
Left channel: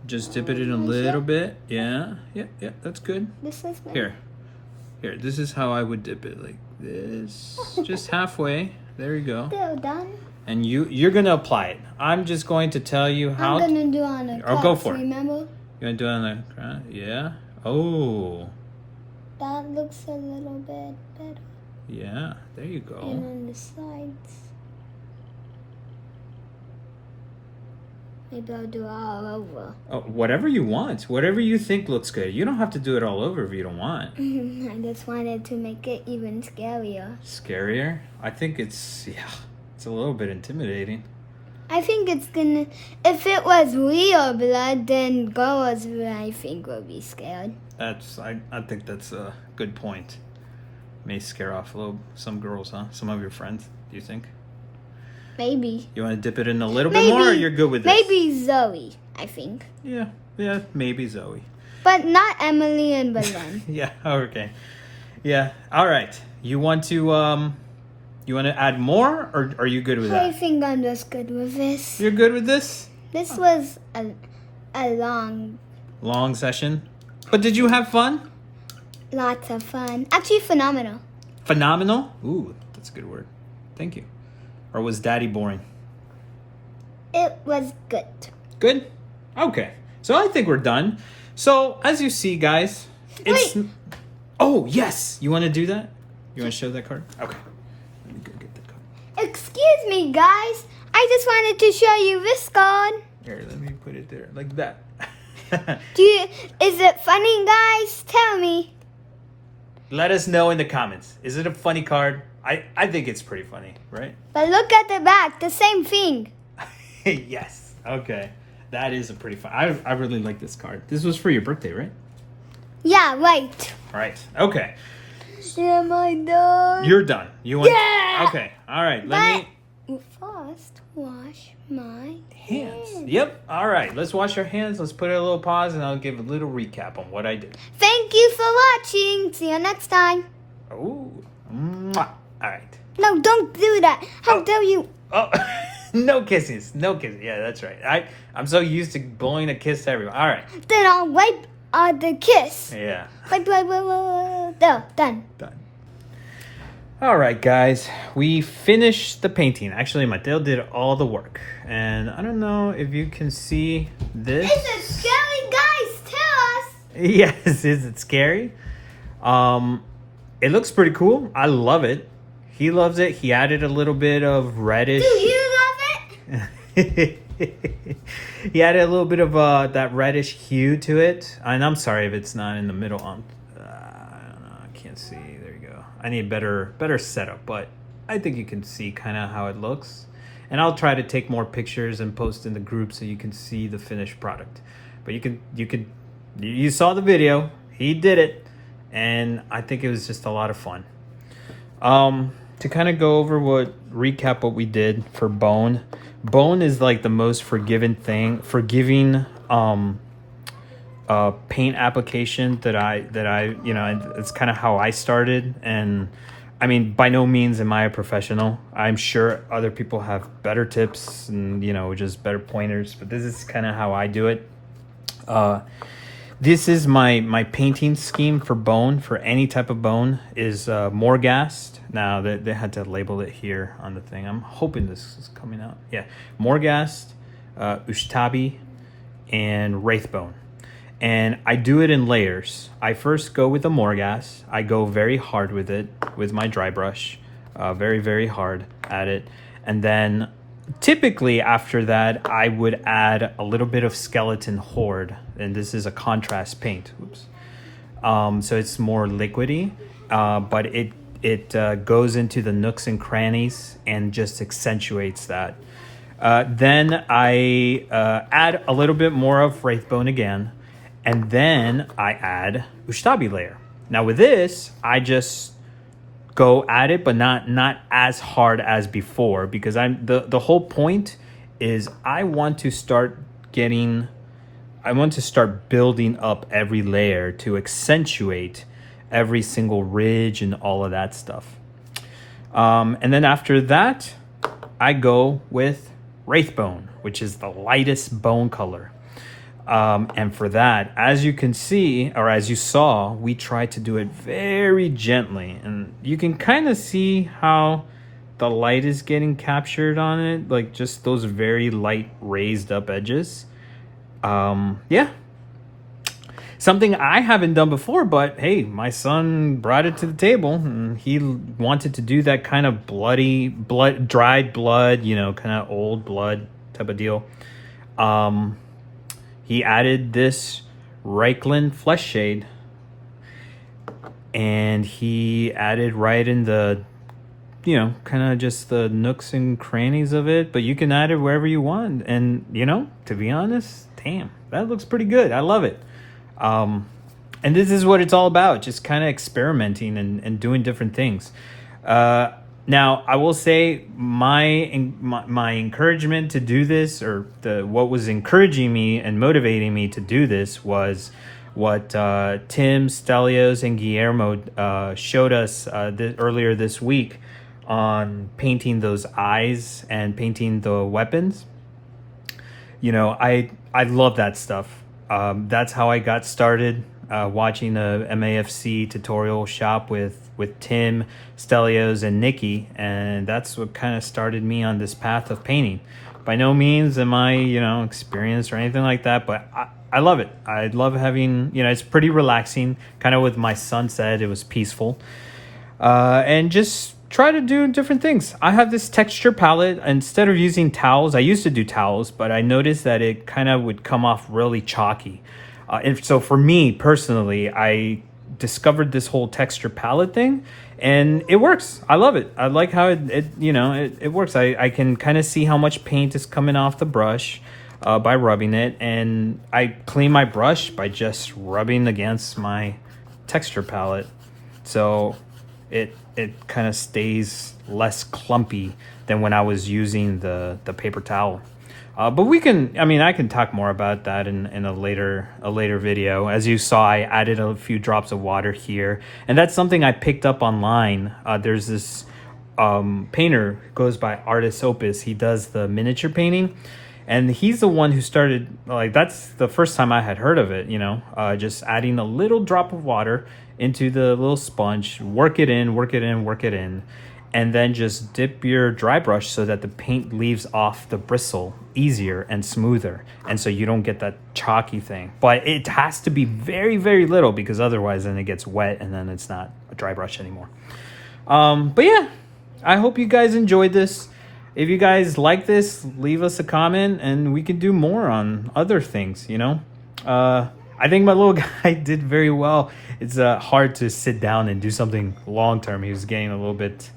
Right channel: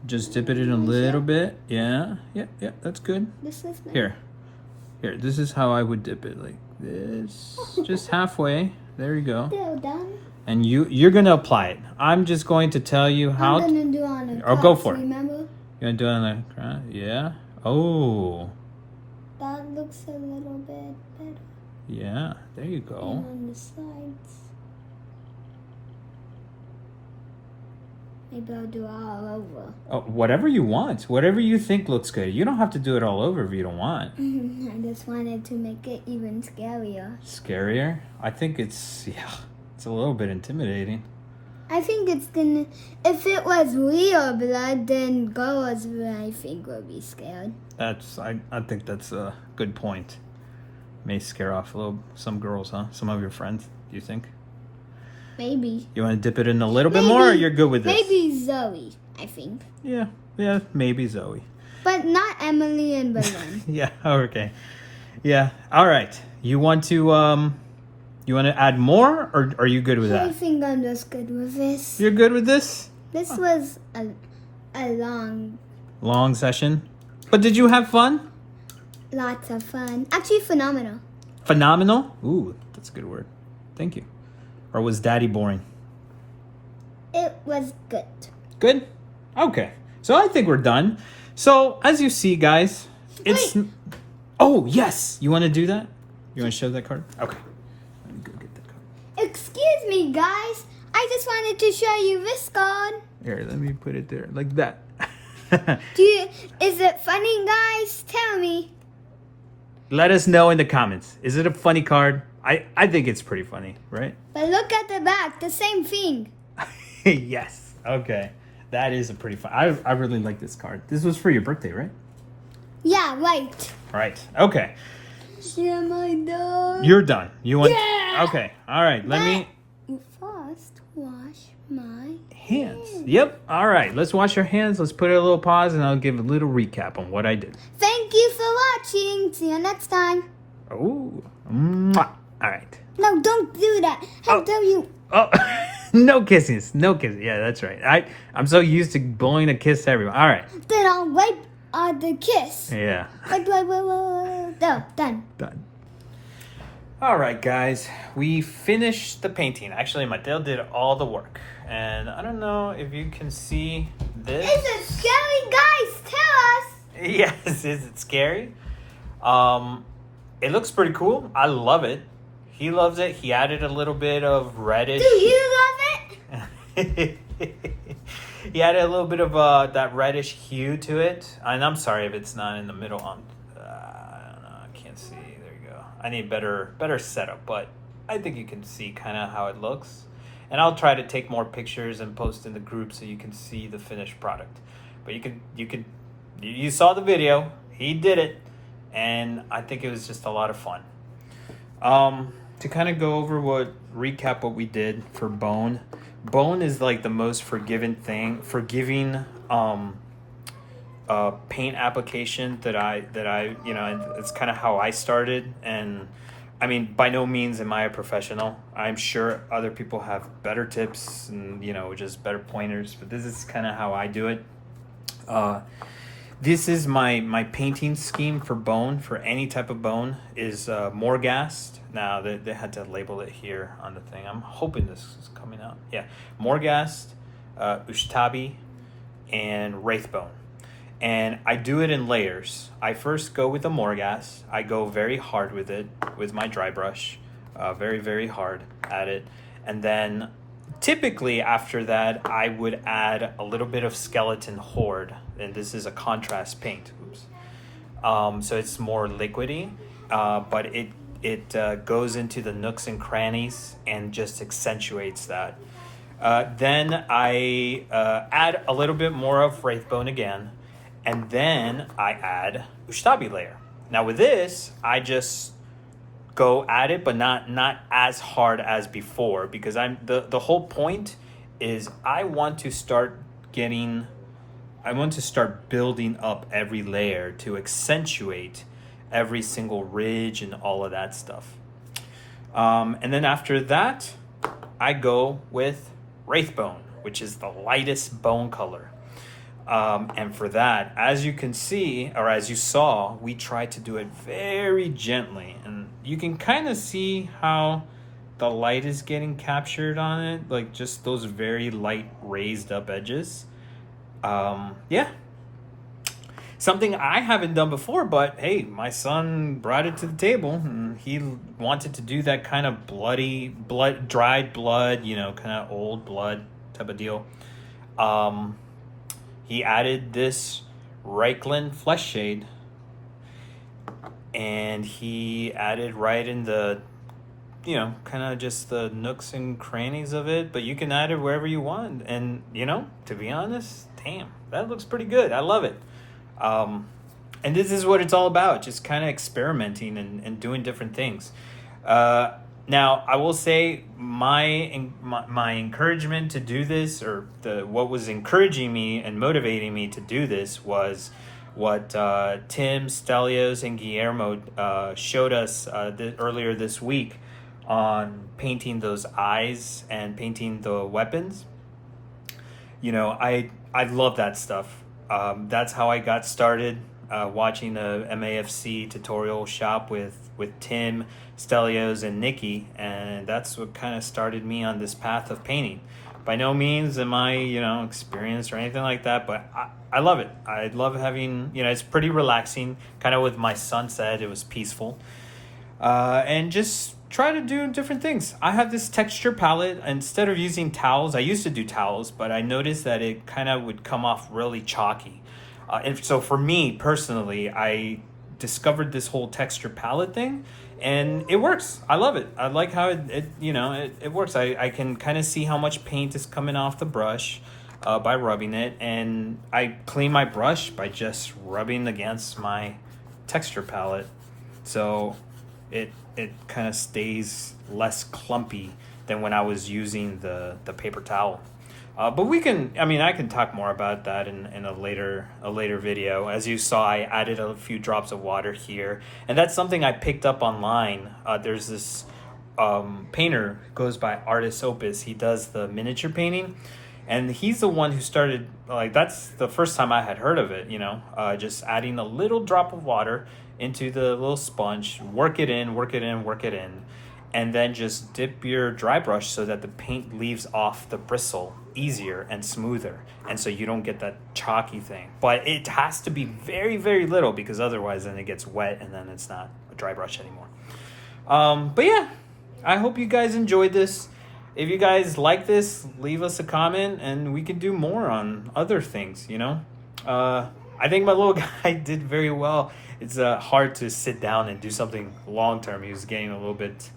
Just dip it in a little bit. Yeah. Yeah. That's good. This is good. Here. This is how I would dip it, like this. Just halfway. There you go. Still done. And you're gonna apply it. I'm just going to tell you how. I'm gonna do on the Oh, cups, go for it. remember? You want to do it on the ground? Yeah. Oh. That looks a little bit better. Yeah. There you And go. on the sides. Maybe I'll do it all over. Oh, whatever you want. Whatever you think looks good. You don't have to do it all over if you don't want. I just wanted to make it even scarier. Scarier? I think it's a little bit intimidating. I think it's gonna. If it was real blood, then girls, I think, would be scared. I think that's a good point. May scare off some girls, huh? Some of your friends, do you think? Maybe. You want to dip it in a little bit more, or you're good with this? Maybe Zoe, I think. Yeah, maybe Zoe. But not Emily and Belen. Yeah, okay. Yeah, all right. You want to add more, or are you good with I that? think I'm just good with this. You're good with this? This was a Long session. But did you have fun? lots of fun. Actually, phenomenal. Phenomenal? Ooh, that's a good word. Thank you. Or was Daddy boring? It was good. Good? Okay. So I think we're done. So, as you see, guys, it's... Wait. Oh, yes! You want to do that? You want to show that card? Okay. Let me go get that card. Excuse me, guys. I just wanted to show you this card. Here, let me put it there. Like that. Is it funny, guys? Tell me. let us know in the comments. Is it a funny card? I think it's pretty funny, right? But look at the back, the same thing. Yes. Okay. That is a pretty fun. I really like this card. This was for your birthday, right? Yeah, right. Right. Okay. Am I done? You're done. You want? Yeah. Okay. All right. Let me first wash my hands. Yep. All right. Let's wash your hands. Let's put a little pause, and I'll give a little recap on what I did. Thank you for watching. See you next time. Ooh. Mwah. All right. No, don't do that. How dare you? Oh. No kisses. No kisses. Yeah, that's right. I'm so used to blowing a kiss to everyone. All right. Then I'll wipe the kiss. Yeah. Like, done. Done. All right, guys. We finished the painting. Actually, Mateo did all the work. And I don't know if you can see this. Is it scary, guys? Tell us. Yes, is it scary? It looks pretty cool. I love it. He loves it. He added a little bit of reddish. Do you love it? He added a little bit of that reddish hue to it. And I'm sorry if it's not in the middle. I can't see. There you go. I need better setup, but I think you can see kind of how it looks. And I'll try to take more pictures and post in the group so you can see the finished product. But you saw the video. He did it, and I think it was just a lot of fun. To kind of go over recap what we did for Bone. Bone is like the most forgiving paint application that I it's kind of how I started. And I mean, by no means am I a professional. I'm sure other people have better tips and just better pointers, but this is kind of how I do it. This is my painting scheme for Bone, for any type of bone, is Morghast. Now, they had to label it here on the thing. I'm hoping this is coming out. Yeah, Morghast, Ushtabi, and Wraithbone. And I do it in layers. I first go with the Morghast. I go very hard with it, with my dry brush. Very, very hard at it. And then, typically after that, I would add a little bit of Skeleton Horde. And this is a contrast paint. Oops. So it's more liquidy, but it goes into the nooks and crannies and just accentuates that. Then I add a little bit more of Wraithbone again, and then I add Ushtabi layer. Now with this, I just go at it, but not as hard as before, because the whole point is I want to start building up every layer to accentuate every single ridge and all of that stuff. And then after that, I go with Wraithbone, which is the lightest bone color. And for that, as you can see, or as you saw, we tried to do it very gently. And you can kind of see how the light is getting captured on it, like just those very light raised up edges. Yeah, something I haven't done before, but hey, my son brought it to the table and he wanted to do that kind of dried blood, kind of old blood type of deal. He added this Reichland flesh shade, and he added right in the kind of just the nooks and crannies of it, but you can add it wherever you want. And to be honest, damn, that looks pretty good. I love it. And this is what it's all about, just kind of experimenting and doing different things. Now, I will say my encouragement to do this, or what was encouraging me and motivating me to do this, was what Tim, Stelios, and Guillermo showed us earlier this week on painting those eyes and painting the weapons. I love that stuff. That's how I got started, watching a MAFC tutorial shop with Tim, Stelios, and Nikki, and that's what kind of started me on this path of painting. By no means am I, experienced or anything like that, but I love it. I love having, it's pretty relaxing, kind of what my son said, it was peaceful. And just try to do different things. I have this texture palette. Instead of using towels, I used to do towels, but I noticed that it kind of would come off really chalky. And so for me personally, I discovered this whole texture palette thing, and it works. I love it. I like how it works. I can kind of see how much paint is coming off the brush by rubbing it, and I clean my brush by just rubbing against my texture palette, so it kind of stays less clumpy than when I was using the paper towel. But we can, I can talk more about that in a later video. As you saw, I added a few drops of water here, and that's something I picked up online. There's this painter, goes by Artist Opus. He does the miniature painting, and he's the one who started, like, that's the first time I had heard of it, just adding a little drop of water into the little sponge, work it in, and then just dip your dry brush so that the paint leaves off the bristle easier and smoother, and so you don't get that chalky thing. But it has to be very, very little, because otherwise then it gets wet and then it's not a dry brush anymore. But yeah, I hope you guys enjoyed this. If you guys like this, leave us a comment and we can do more on other things, I think my little guy did very well. It's hard to sit down and do something long term. He was getting a little bit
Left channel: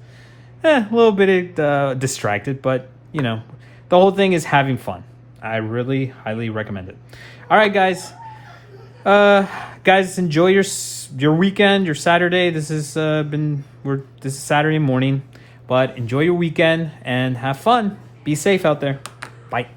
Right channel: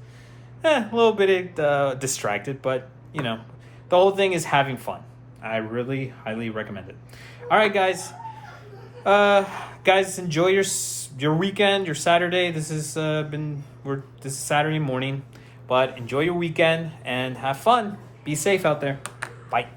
distracted, but the whole thing is having fun. I really highly recommend it. All right, guys. Guys, enjoy your weekend, your Saturday. This is Saturday morning, but enjoy your weekend and have fun. Be safe out there. Bye.